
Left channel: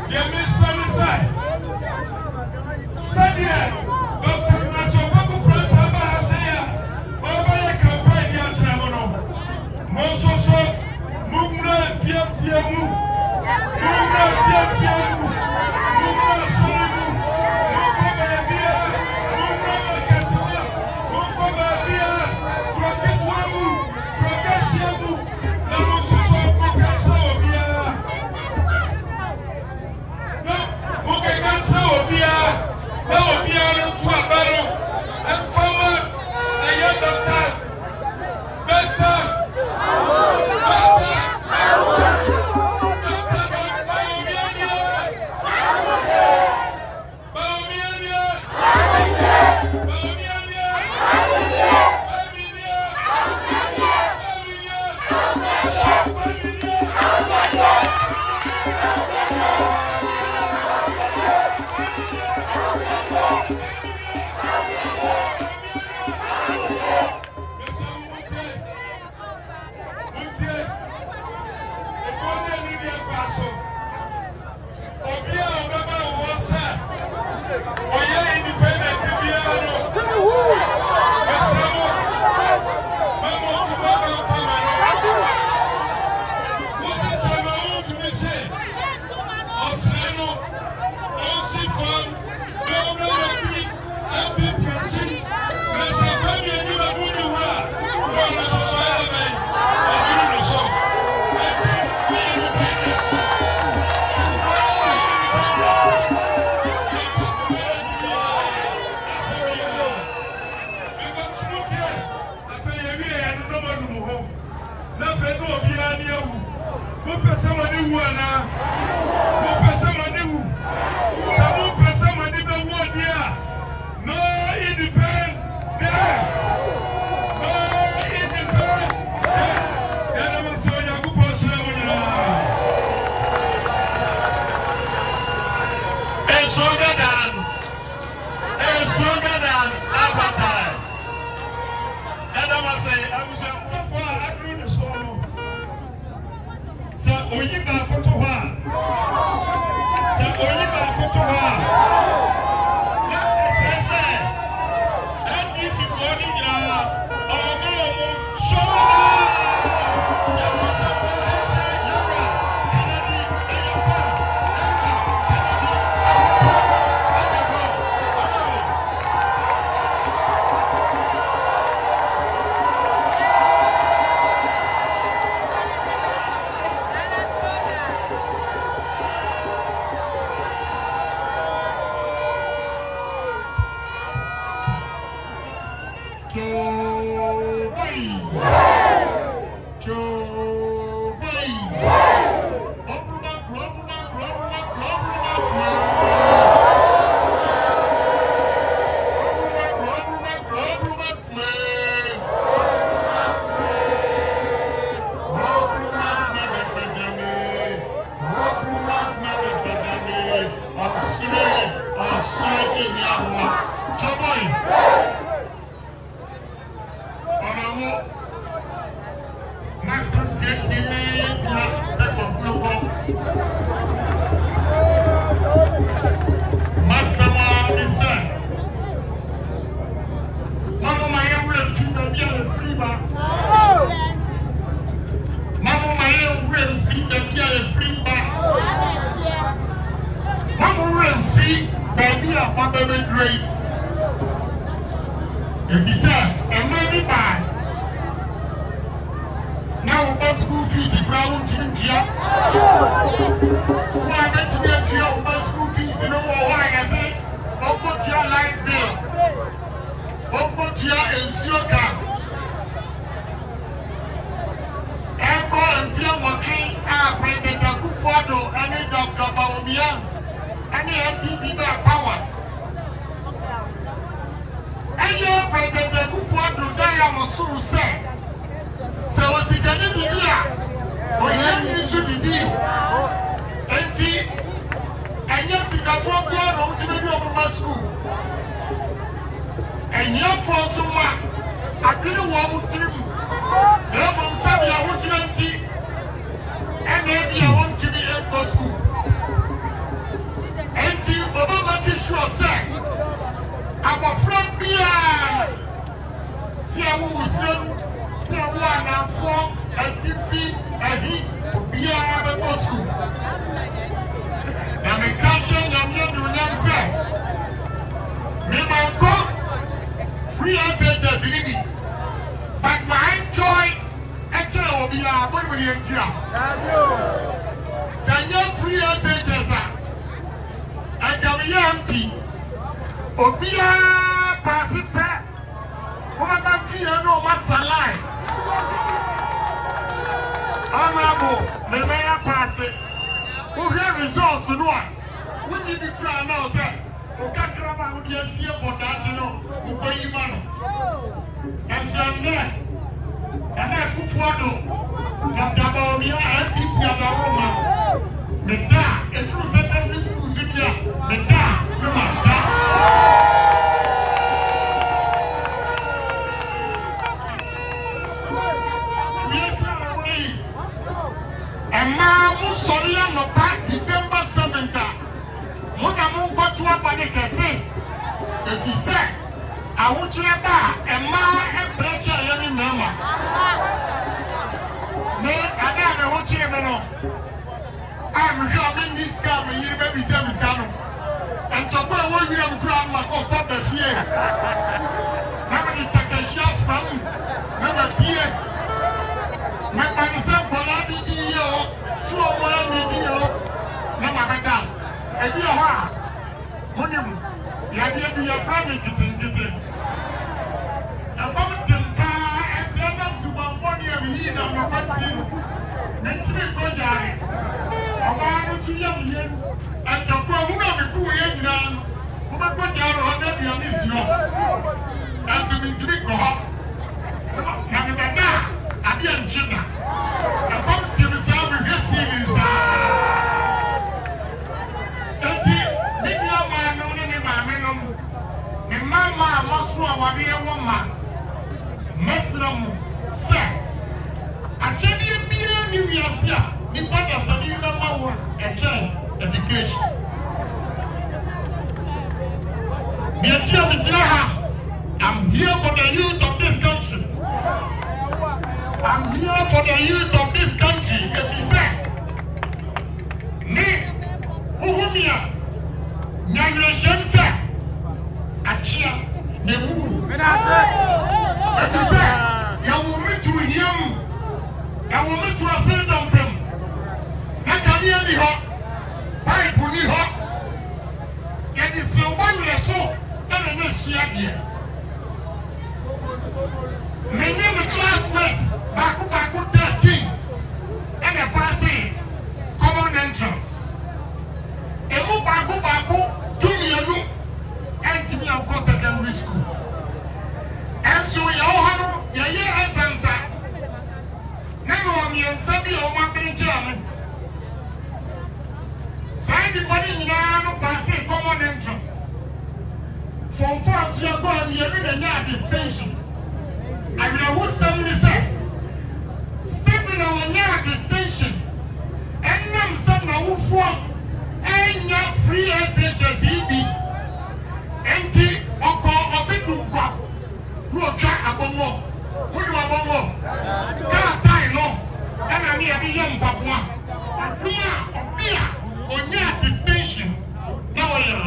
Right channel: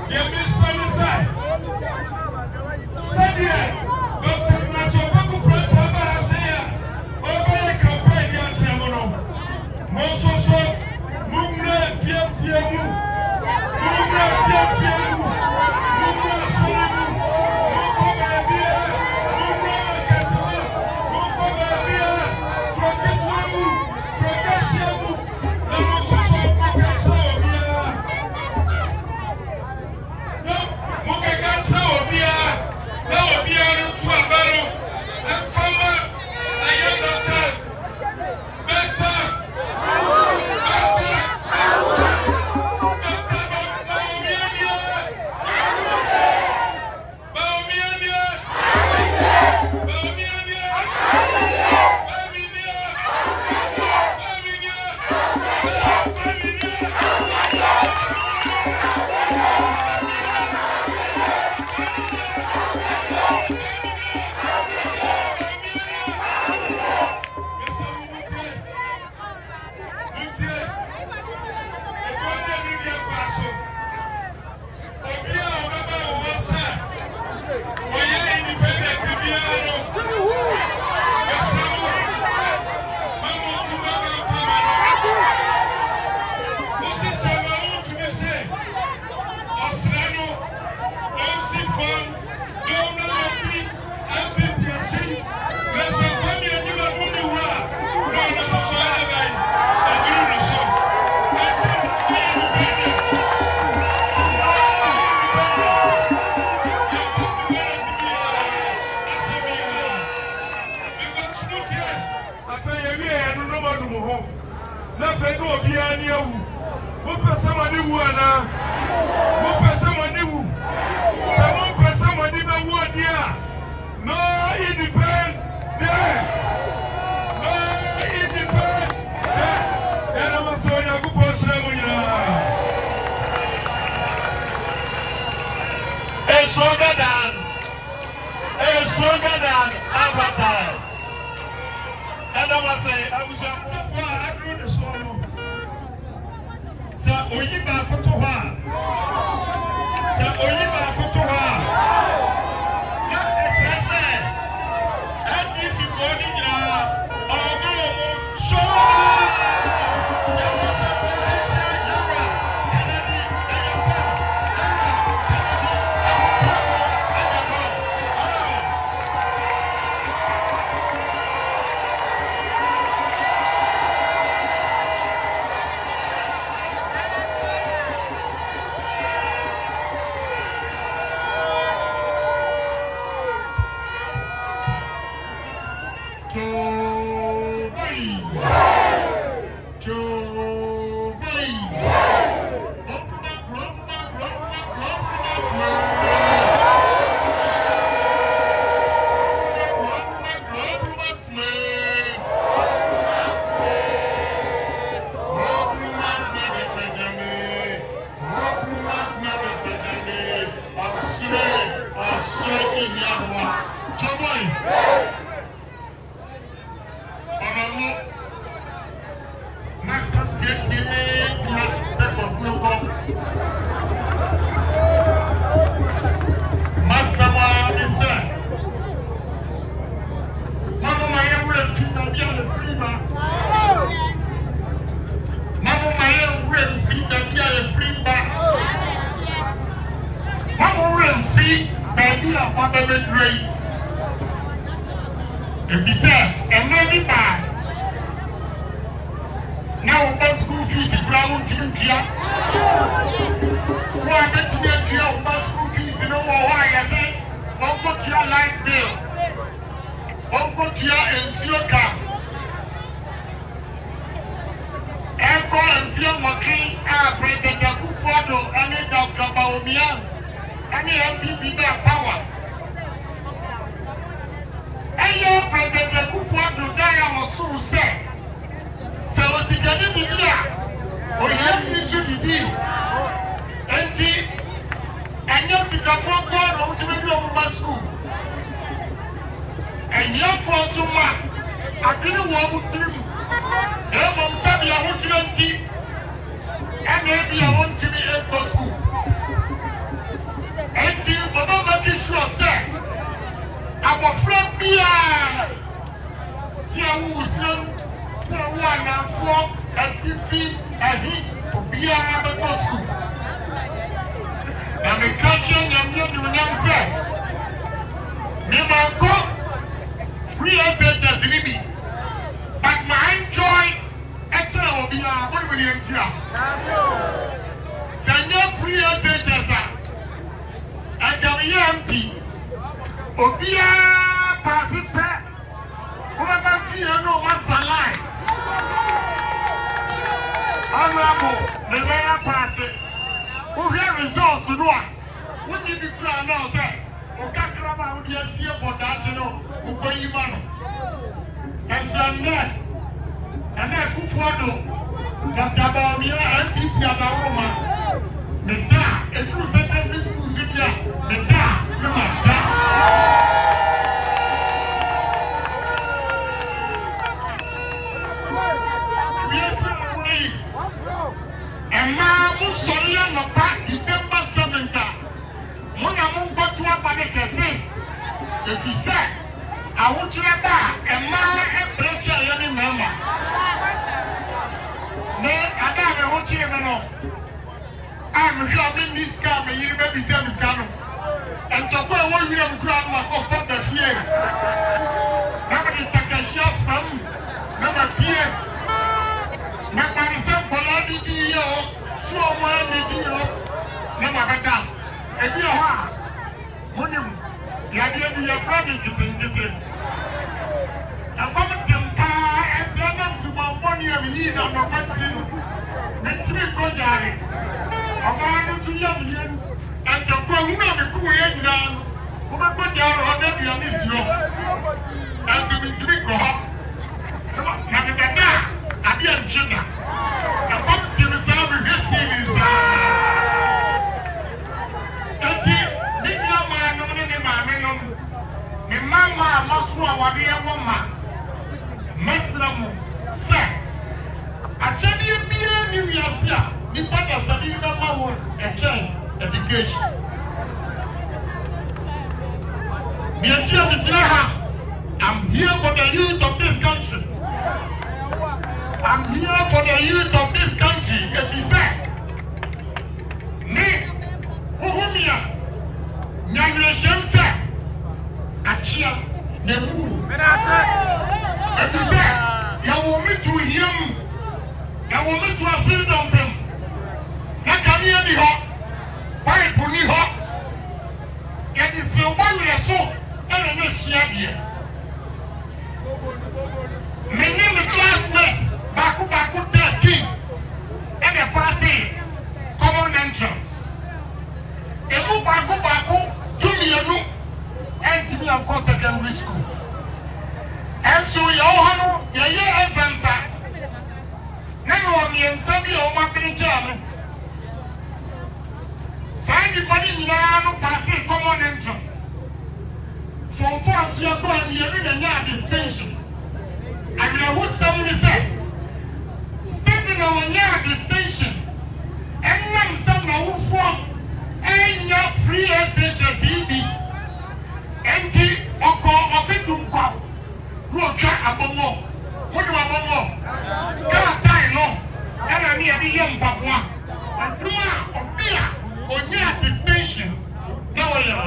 deɛ mesane sɛ sɛdeɛ Dr. Opoku Prempeh ba ha sɛ a ɔbɛyɛ campaign de akyerɛ mo no mo nso so mommra fiafia mu mommra fiafia mu mommra sɔre mu monkɔ baabia monkɔ makɛtema monkɔ baabia kurɔketewa mu kurɔkɛseɛ mu na mo nso so mokɛkyerɛ obiara na mokɛka kyerɛ obiara na obiara no to aba no ɛmfama ɛyɛ dɔta Baba make sure say our friend Bia see who see who are for a TV Bia to school. And the country and you say me manko free SHS ribi but my joy actually will be a 1 million tia. Sanya free SHS and the MP Obia pass it back. What about you? No masalai. Honorable, the mayor pass it. Who have results to know? When you declare now, sir, Okakrama would be a fear for that, you know, who go you man. And from there, and I could follow that Gabamia and people at the Roma. The da, a true secondary school, the da, the mata. And now, Musolia, no back December 7th. Monamu got to a panic and say, if you say, I want you to buy a man and preacher any member. Nay, I got a watch him. I'm coming this scam, and you baby Sam is coming. And to go away with them grandma for the fear. Nobody take a shot from never fear. My son, Poladi, so one video, never back down. And you are when you have your friend getting. And what can buy and send them to my money of year on the continue. Make me go down. A man who's young here and the one who have a cool end down. Who might go down on every mission. And to be drink or hot. I be a China. I come to the South with this series. Mama, Masua, Wabia, woman, Mesram, sir. I tell you, be a new year, the better for you number one, a child education. I'm here for the youth of this country. I'm here for the youth of this country. If you say, me, Uhumia, Nyangresham, sir. Achia, the moon. If you say, you will meet to him, you will meet to a field of them. That can be any hot, pipe will be hot. And if you want your soul, then you will see again. My name is classmates, Baku 13, and a passing common entrance. And move Baku, do me a look. And to be on secondary school. And so you all your year answer. Never on me and Sabi or my German. Sign the body in our passing common entrance. From first you are going to be a distinction. I will what somebody said. Stepping on a distinction. And then some who form ain't not free SHS Enti oko ofidunko ruoka abomo wodi abomo ka tai no na me e yem babwa aduma obia onya distinction na wo yo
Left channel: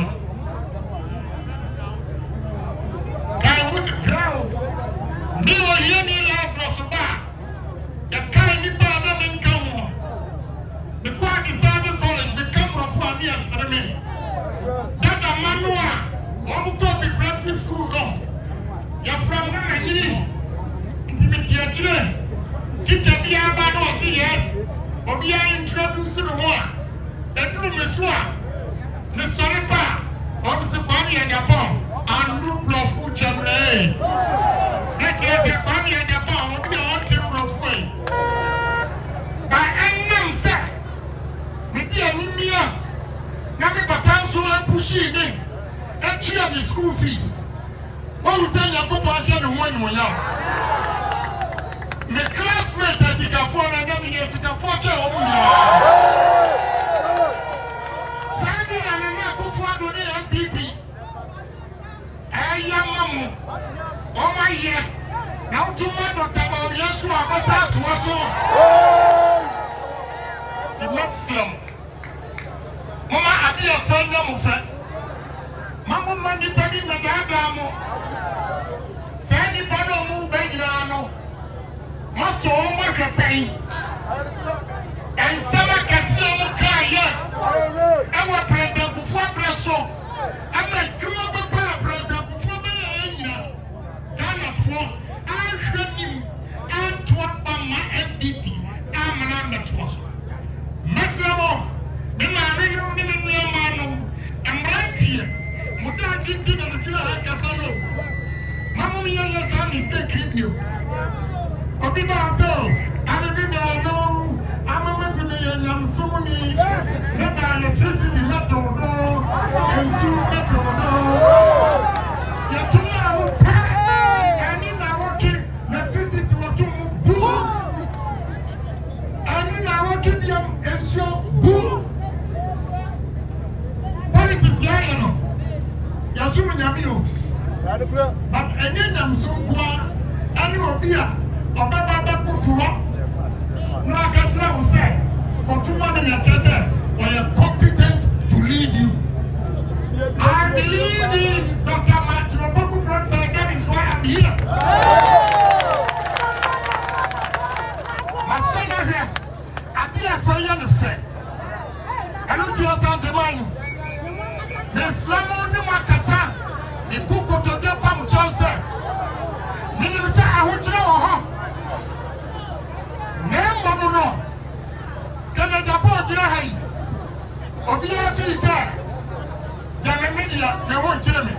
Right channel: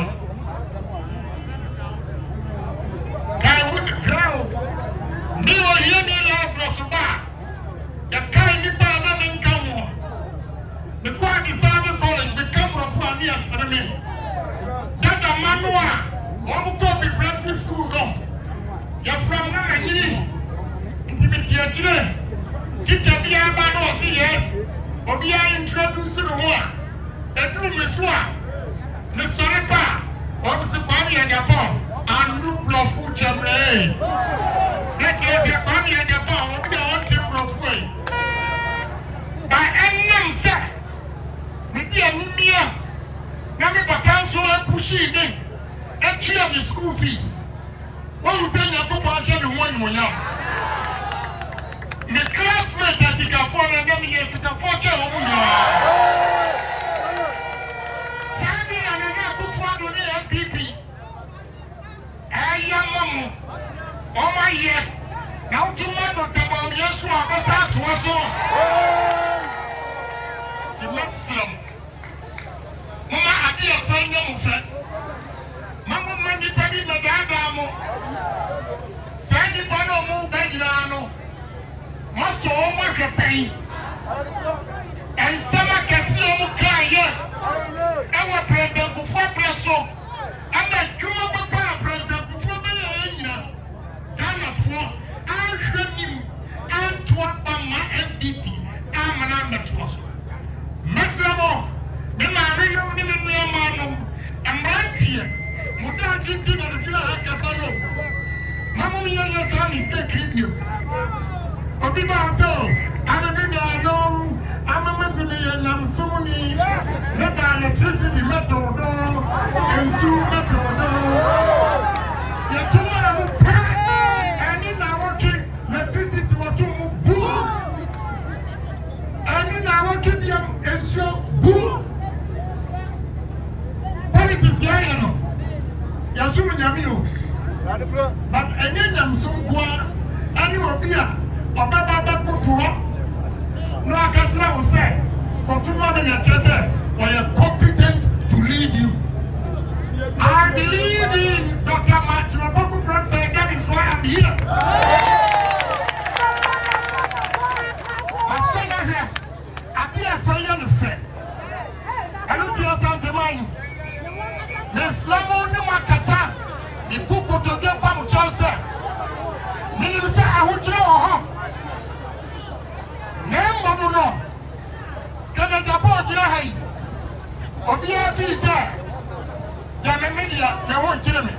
kai wut grow me o yemi life no suba ya kai ni ba na me nkawo me kwa di family college me come from family asreme that manua I'm going to be Prempeh school. You're from Nigeria. Intimate children. Teacher be about us, yes. Or be introduced to the war. The room is one. The Sorepa. Or the family and Japan. And rule of food chamber. Let your family and Japan will be on the way. By any sir. Maybe a million. Now, the Papa so pushing in. And clear the school fees. What you tell your compassion and one now? The classmates that you can afford and then you can afford your own. Sandy and I put forward Yamamu, oh my year. Now to my daughter, yes, I was out to us all. The next film. Mama, I be a friend of mine. Mama, money, baby, my dad, Sandy Bado move back now. Must so much a pain. And someone can see you cry here. I'm a president before Presso. I'm a Jumbo president before me. I'm for. I should him. I'm to my FDP. I'm an amateur. Mesmo, the man, I'm right here. Without you to the follow. Mamma, your son is taking you. But the man, I'm a Muslim, I'm Sunni, not electricity method, and soon method. You're too much, and in our working electricity or to boom. And in our working young and so boom. Politics, you know. You're assuming you. But any of them so quiet, and you will be a Baba Kutua. No, I can't tell you, say, Kotuma in your chest, or you're competent to lead you. I believe in Dr. Matthew Opoku, that is why I'm here. My son here, I be a fire to say. Hello to your son, Jemani. Miss Lamon, the Macassa, the book of the Pam Chelsea. Meaning, say, I want to know. Name no. Can I support you? Obia say, Jana media, they won't tell me.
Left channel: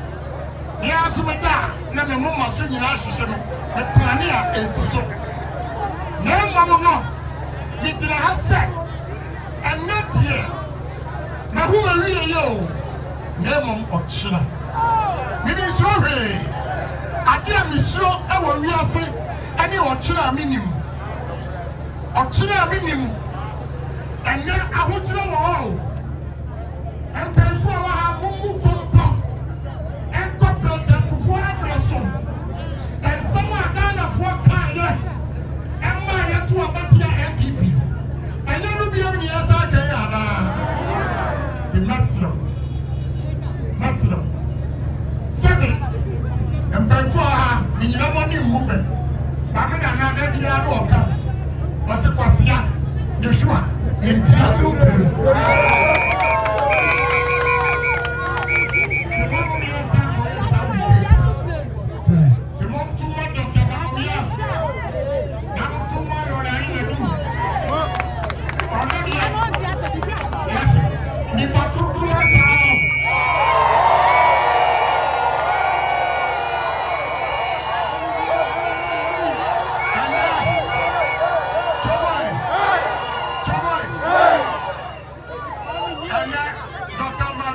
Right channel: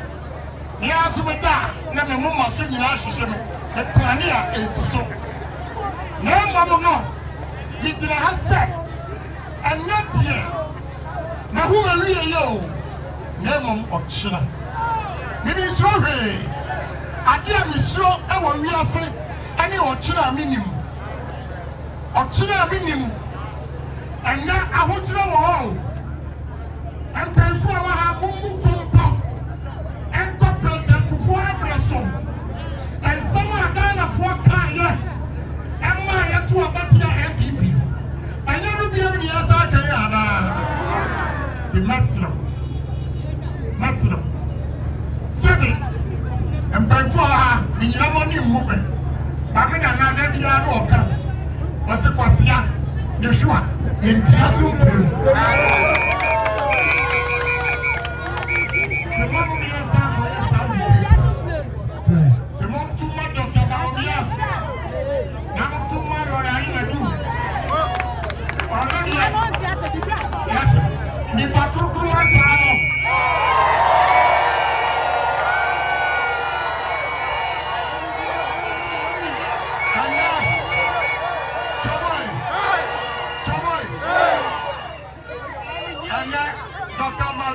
Yasumida, Name Mumma Sunny Ashishim, a plania is so. Name no. It's in a house set. And not here. Now who are you? Name of China. Meaning, sorry. I dear Miss Row, I will real say, any or China minimum. Or China minimum. And now I want to know all. And then for our Mumu Kumpo and corporate and before and someone done for Kaya and my to a better MPP. I never be on the other day. The Muslim. 7 and then for her, in your money movement. I'm going to have a walker. What's it was young? Yeshua. In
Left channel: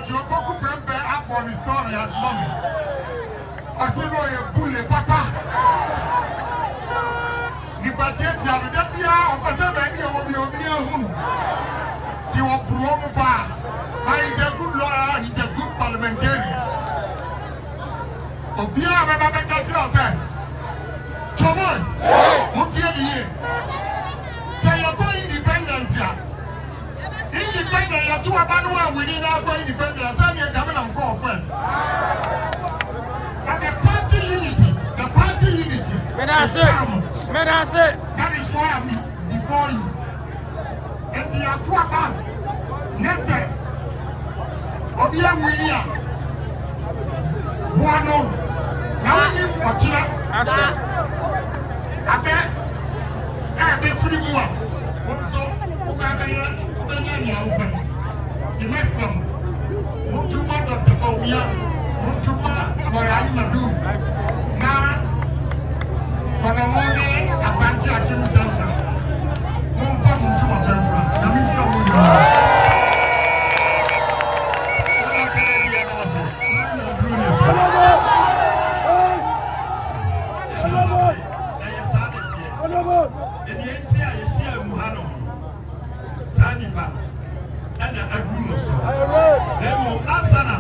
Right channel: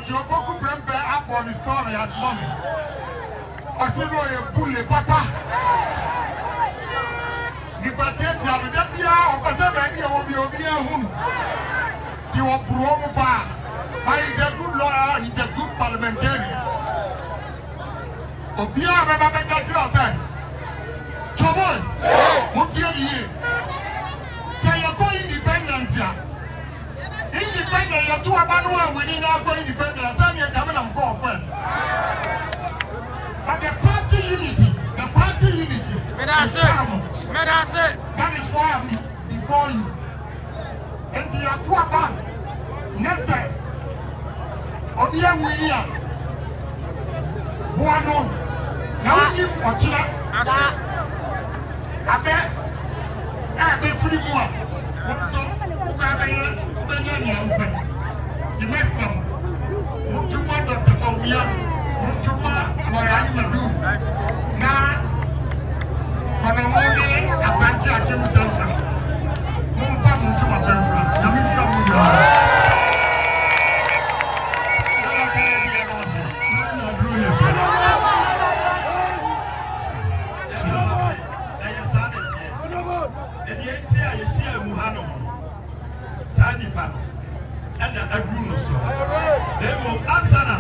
Opoku Prempeh up on the story at mommy. I said, no, you pull the papa. The patient, you have the Pia, or Passabi, or Obia, whom he was grown back. But he's a good lawyer, he's a good parliamentarian. Obia, Baba Catcher said, Choboy, what do you say? You're going independent here. Independent, you're too abandoned when you're not going independent. So you're coming and go first. But the party unity, that is why I'm before you. And you are too abandoned. Never. Obia William. Buano. Now we need Ochina. I bet. I be free more. The next one, Mutuma Dr. Obia, Mutuma, Moyani do. Now, Konongo Let, Asante Akim Central. Mutuma Prempeh. Sanipa and a Bruno. Demo Asana.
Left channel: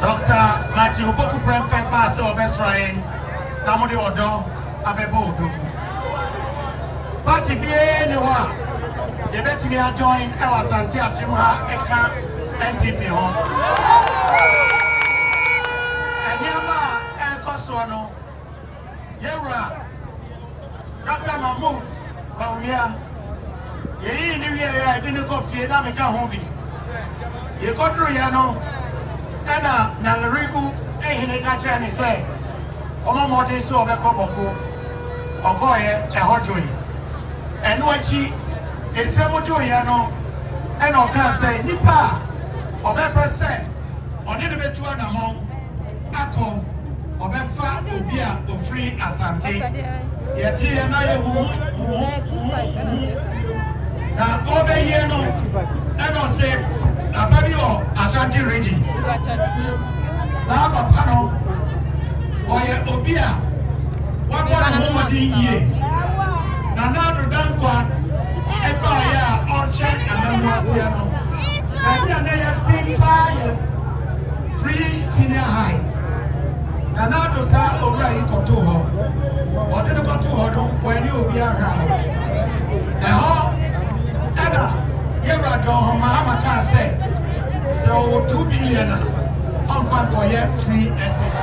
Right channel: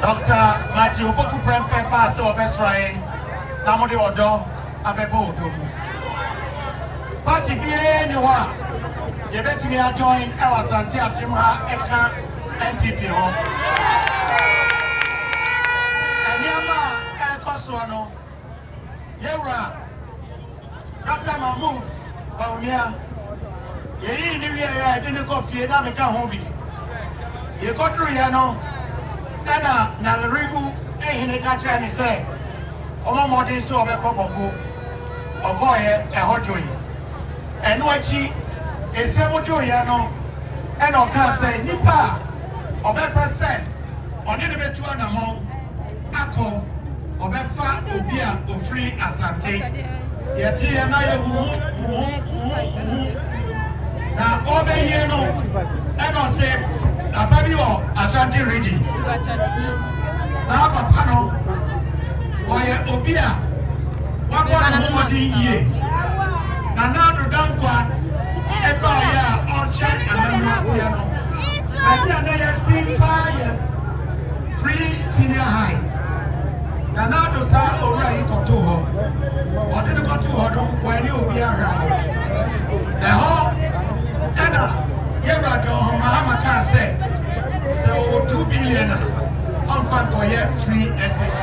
Dr. Matthew Opoku Prempeh pass our best friend. Namodi Odo Abebo Odo. Party bien you are. You bet me I join Asante Akim Eka MPP home. And Yama Ekosono. Yera Dr. Mahmoud Baunia. Ye ni I didn't go fear that make a hobby. You go through Yano. Ena na lerigu ehine kacha ni say omo modin so obekoboko ogoye ehojoyi enu achi esebojo ya no ena oka say nipa obepre say oni ne betu anamo akọ obefa obi a ofri Asante ye ti ya na ye na obenye no ena say Ababi or Asante region. Saba pano, oye obia, wakwa mumoti ye. Nanado dankwa, efa ya orchard amamasiano. Kanya na ya timpa ye free senior high. Nanado sa obia ikotuho. Odino kotuho don kweni obia ramo. Eho, ena. Mahama can say, so 2 billion on fan free SH.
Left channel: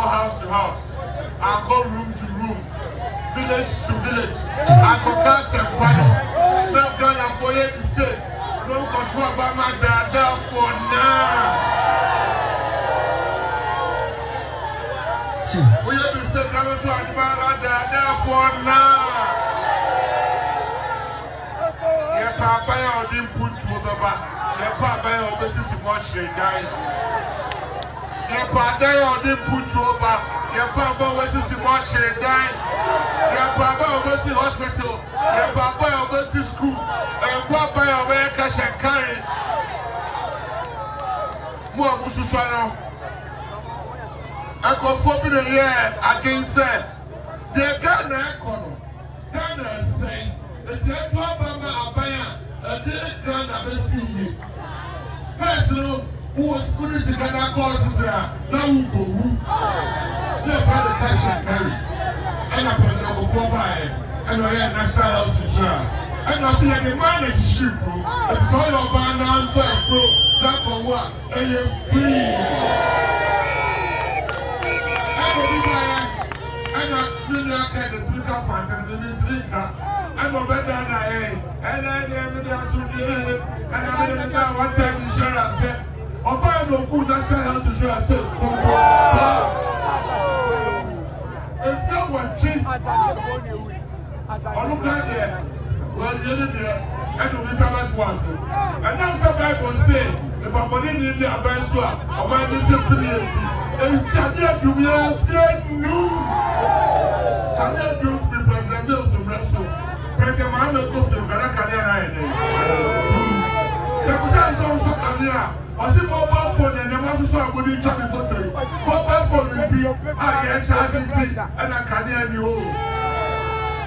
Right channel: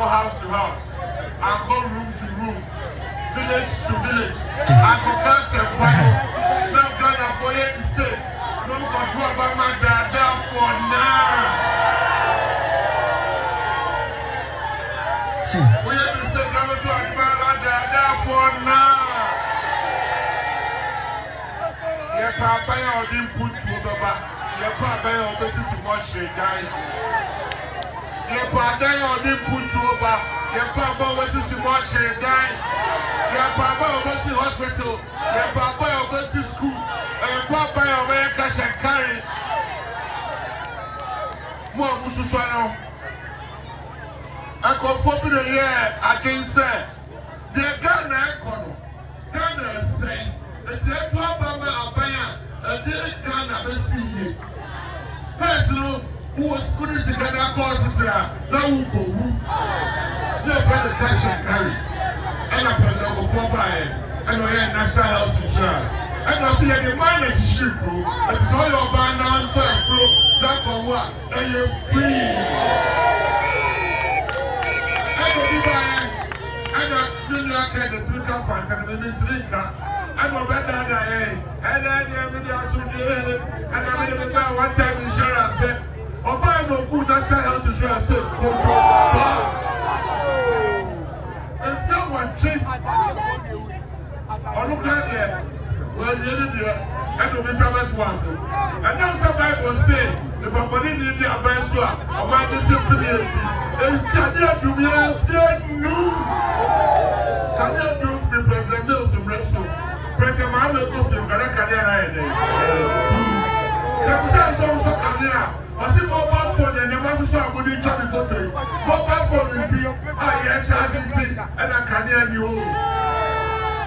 House to house, I go room to room, village to village. I go cast a panel. No Ghana for you to stay. No control about my dad for now. We have to stay Ghana to admire my dad for now. Yeah, Papa, I didn't put you over. Yeah, Papa, I was much dying. Your father didn't put you over. Your papa was to watch her die. Your papa was to hospital. Your papa was to school. Your papa was to cash and carry. More Mususano. I come for me the year. I can say, the Ghana Ghana say, the Ghana Abaya, a day Ghana Bessie. Personal. Who was putting the Ghana hospital? Now who go who? They find the cash and carry. And I put them before buying. And I had national health insurance. And I see the man is cheap, bro. It's all your banana and so that for what? free. I'm a better than and I never did and I never got one time insurance. Or buy no good national health insurance. If someone cheap, I look at it. Well, you did it. And will be covered once. And now somebody will say, if I put in the best one, or my disability, and it's to be a said no. Can you do free president some wrestle? Prempeh, I'm not going to get a career. The also career. I see mobile phone and never to start with each other photo. Mobile phone with you, I get charging tea and a career you.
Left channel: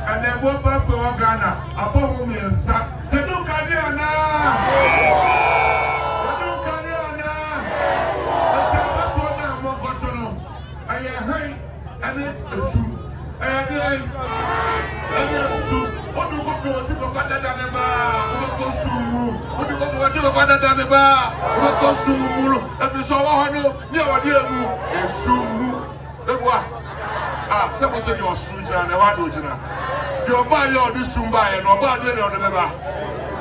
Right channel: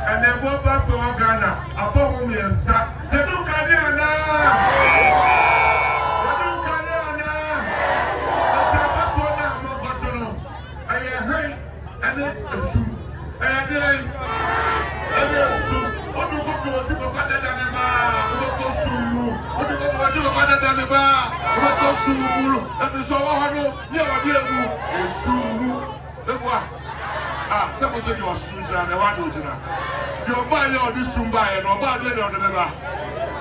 And then mobile phone Ghana, above home and sat. They don't career now. They don't career now. I am high and then a shoe. And then someone said you're student and I do it. You're buying all this Sumba and about the other.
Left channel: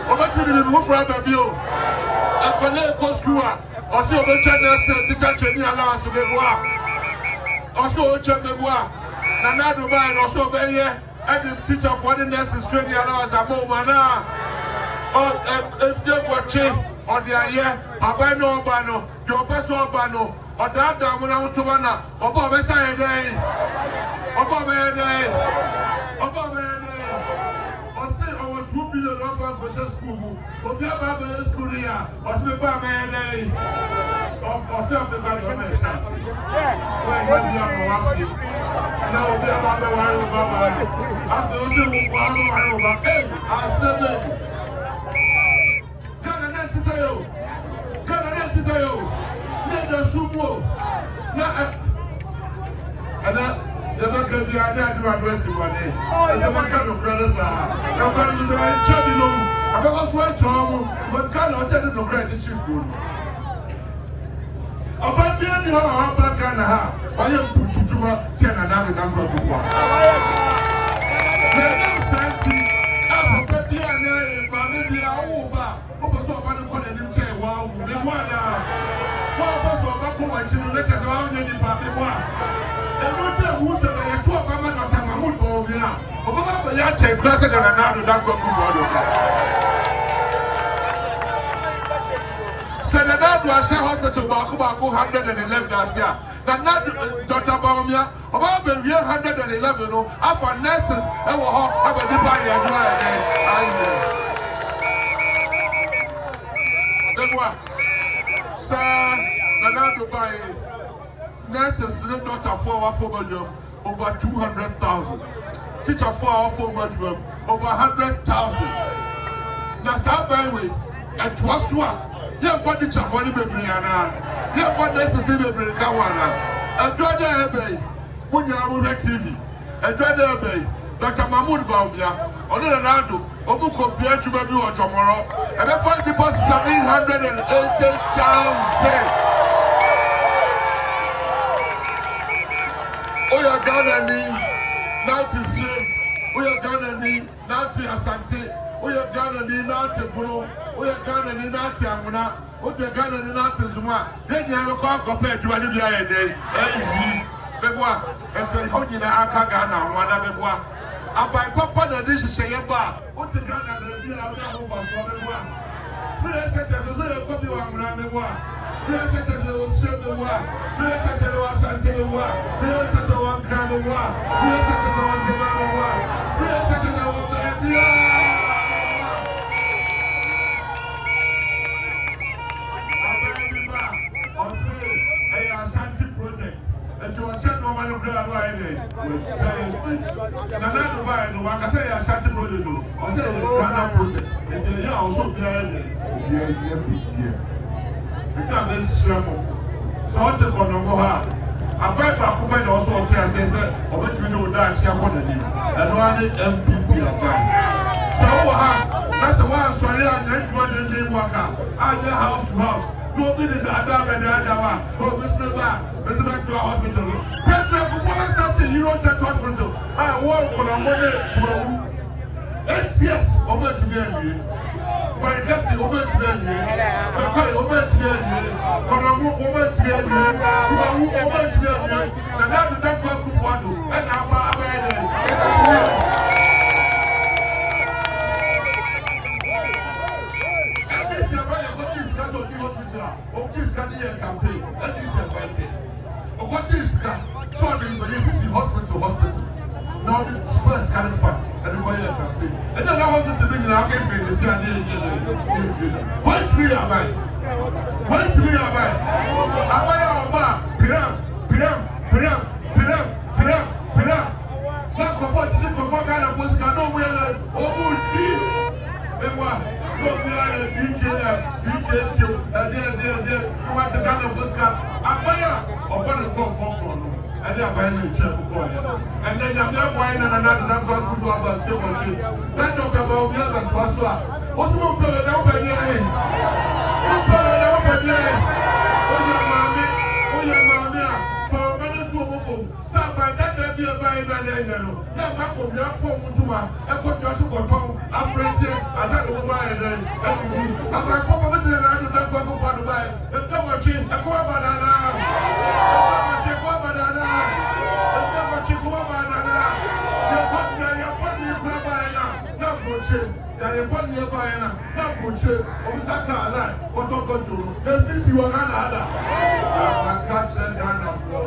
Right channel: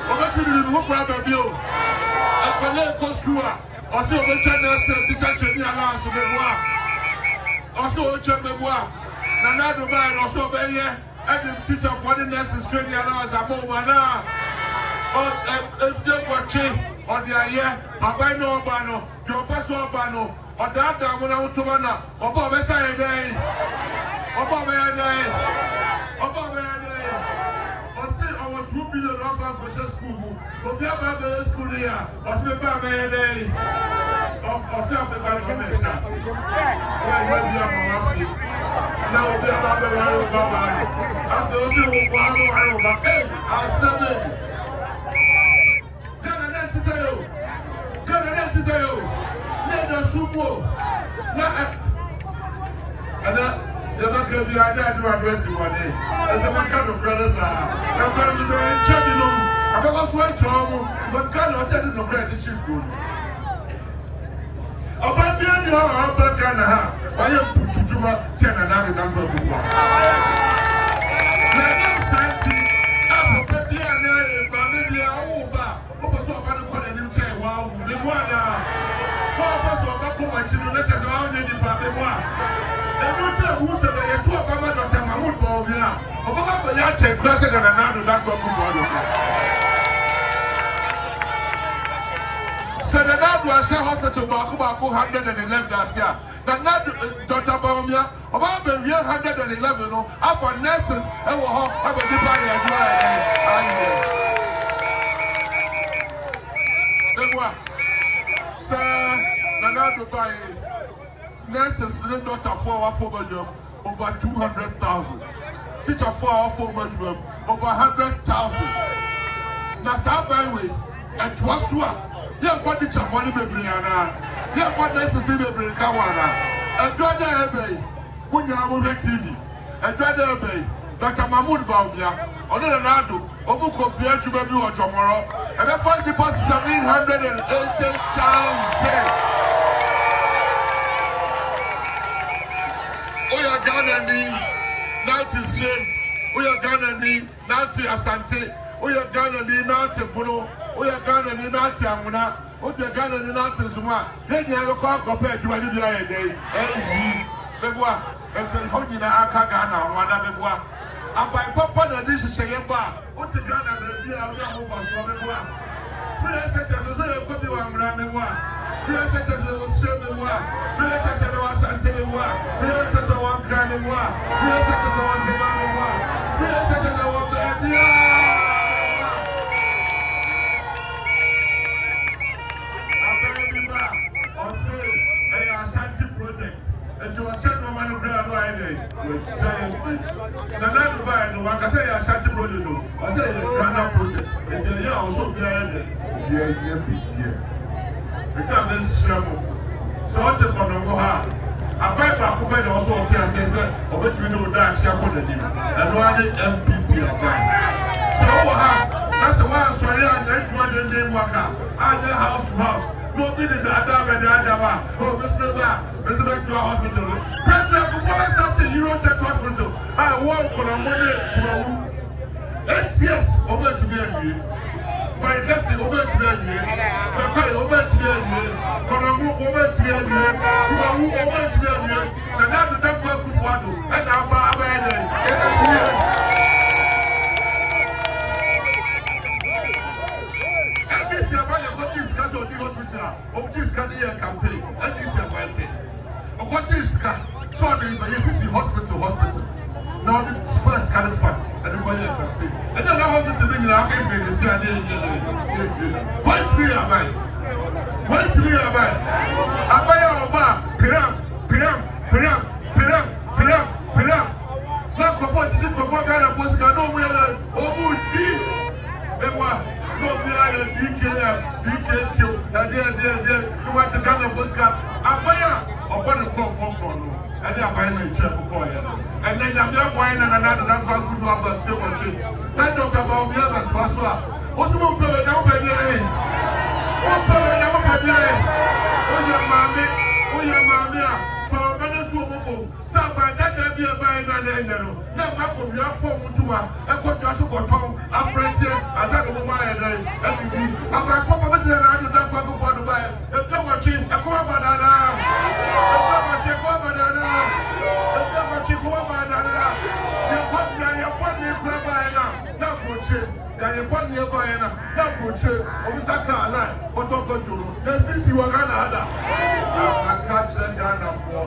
What you did move for a bill? A Konongo school, or so the China teacher training allowance to the bois. Also, Chambebois, Nanado Bay, or so there, and the teacher for the nurses training allowance a moment. Or if you're watching, or the air, a bino bano, your personal bano, or that down when I want to run up, or Bob Essay Day, or Bob Day, or Bob Day, or say our 2 billion for school, or the other school here, or say Bob Day, or self the bank. Now, we are the wireless after the I said, and you're not going to be addressing one day. As a matter of brothers, I'm going to be a I'm going to swear trouble, but God said no gratitude. About the end of the Ghana, I am put to 10 and another number before. Senadad was a hospital Baku 111 last year. Dr. Baumia, about the real 111 after nurses and will have a divine and Sir, Nanado by nurses, Dr. 4 bedroom over 200,000. Teacher 4 bedroom over 100,000. Now, some way, and Twasua. Yeah, for the teacher for the baby, yeah, for nurses, the baby, Kawana. And try the ebay when you have TV. And try the ebay. Dr. Mahmoud Baumia, on the Nado, Opoku to baby or tomorrow. And I find the bus 780,000. We are gonna need 90 we are gonna need 90 Asante. We are gonna need 90 Bruno. We are gonna need 90 Amuna. We are gonna need 90 Zuma. Then you have a call compared to any other day. Hey, Bebois, and say, Honey, I can't Ghana, one of Bebois. And by Papa, the dish is a bar. What's the Ghana? The year of Bebois. Free sectors, a copy of Bebois. Free sectors, a Bebois. Free sectors, a Asante Bebois. Free sectors, a Grand Bebois. Free sectors, a Bebois. Free sectors, a you are check no man of with giant free. Now, buy no one can say I shot the project. I say it's Ghana project. And you also because this so what the Konongo have. I buy Pakuman also says, or what we know that she for the name. And one MPP of mine. So that's the one sorry I didn't want the name worker. I house to house. No, we did that. Oh, Mr. Back to our hospital. President, before I start the Eurotech hospital, I work for a money. 8 years over to be my guest over to be over to be Konongo over to be over to be and now the doctor and campaign, and this is a campaign. What is hospital. Now the first kind of fun, and the campaign. And then I want to think in our campaign, the what we are by? What we are by? Piram. Not before kind of was got no way. Oh, and what? You want to gather Fosca? Upon the floor, and they are buying a chair for and then I'm not buying another food about silver. Then talk about the other Pasua. What will be now by the end? Oh, your mamma, for a minute to some by that be a buying an now, Napo, your phone to us, and put your super tongue, our friends here, as I go by and then, I'm going to pop up and I do not go for the buy. If no one change, a core banana. You put me by now, put you on the Saka, what don't go to. There's this you are another. I catch that down for.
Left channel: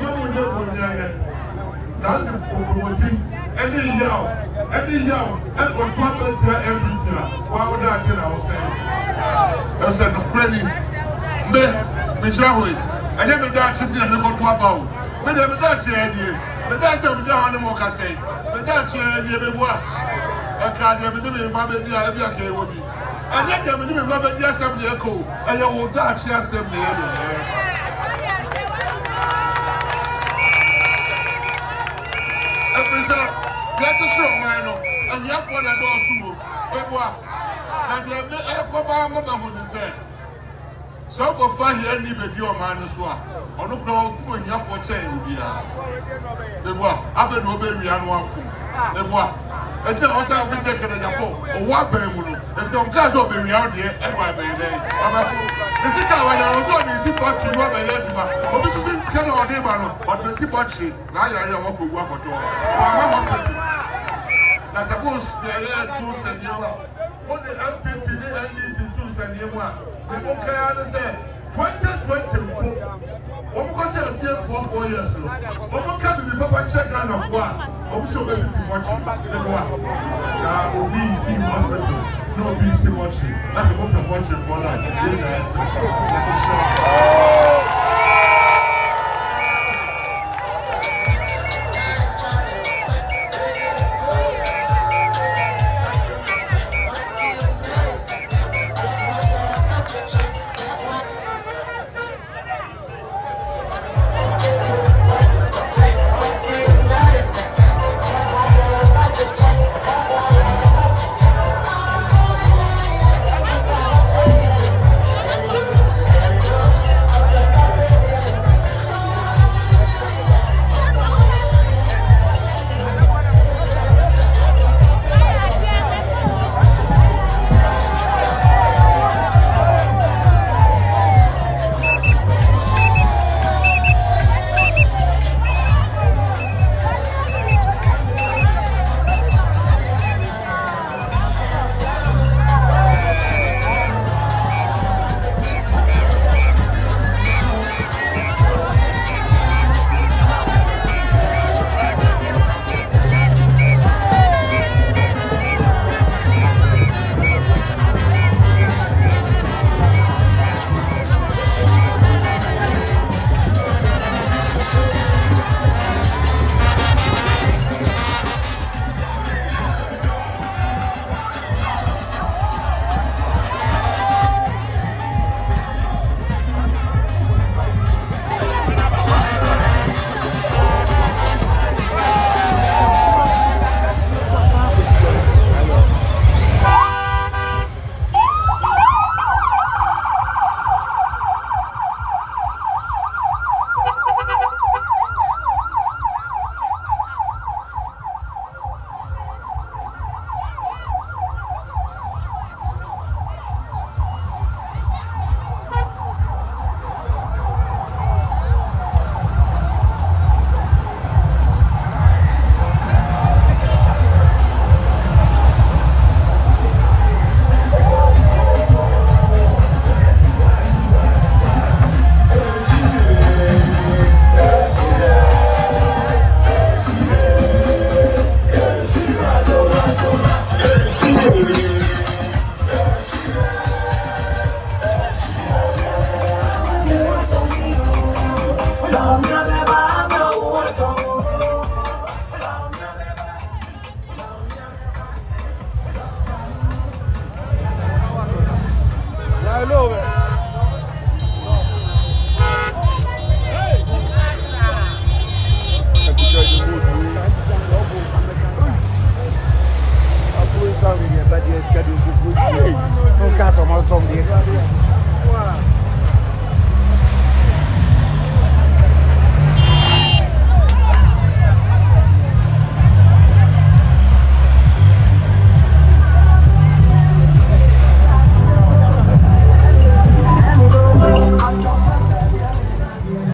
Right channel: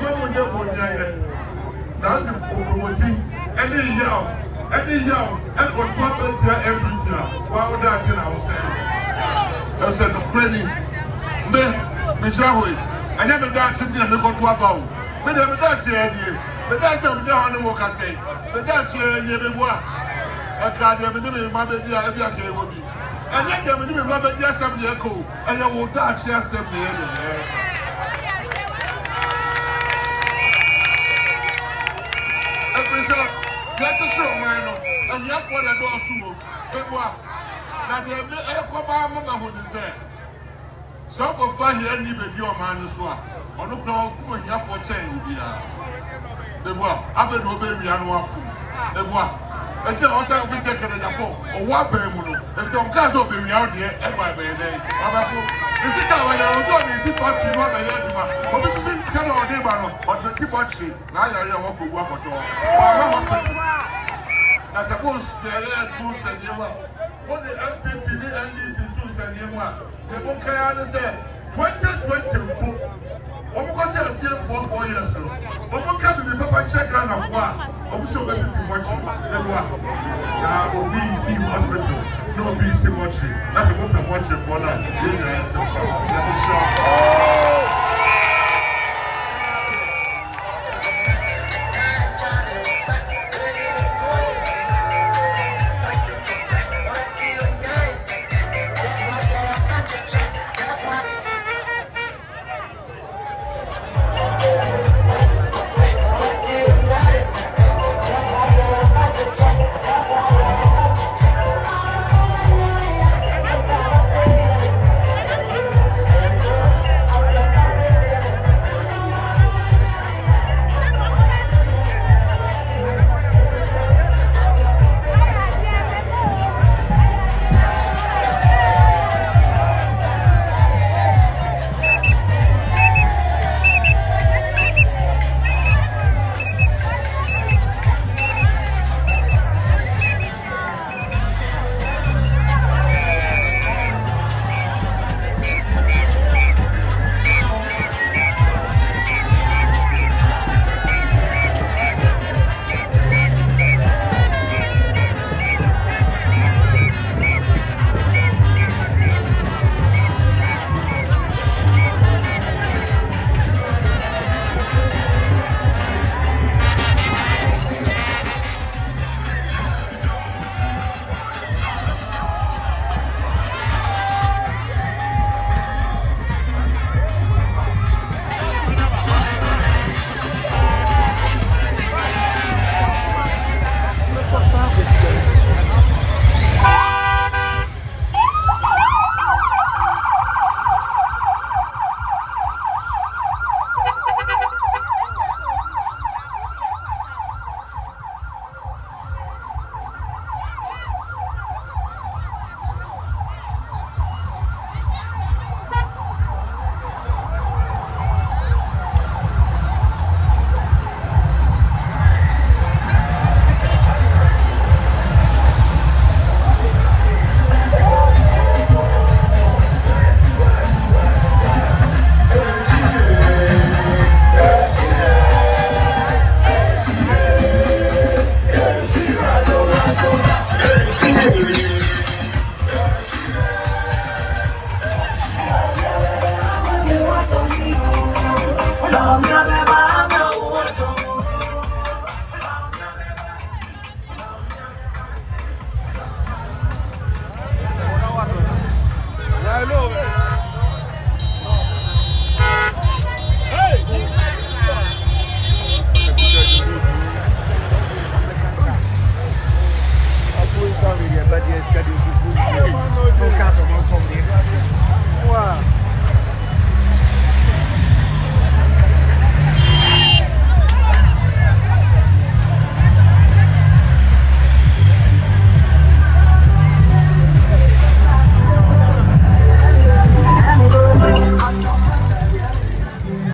No one ever would now the promoting any yell, and what happens here every year. Why would I tell ourselves? I said, the credit, me, and every day sitting and make on 12 hours. But never that idea. The doctor of the honor work, I say. The doctor never work. I can't have a my baby, I'll be okay with me. And yet, I'm going to remember the assembly echo, and you will touch the assembly. Get the show, man, and you have one at all soon. Now, the Alcoba Mama would say, so go find here, leave a view of mine as well. On the crowd, when you have for change, the boy, after no baby, I know food. The boy. And then also we take a Napo or what Bemuno. If some cars will be out here, every day. The sick when I was on the sea factory, not the Yadima. But this is kind of a but the sea factory. Now you're walk with work at all. My hospital. I suppose they are tools and you are. What the LPP and these tools and you are. The book I understand 2020. I'm going to 4 years. I'm going to be Papa check down of one. I'm sure this is watching. Now, BC hospital. No BC watching. That's a book of watching for that.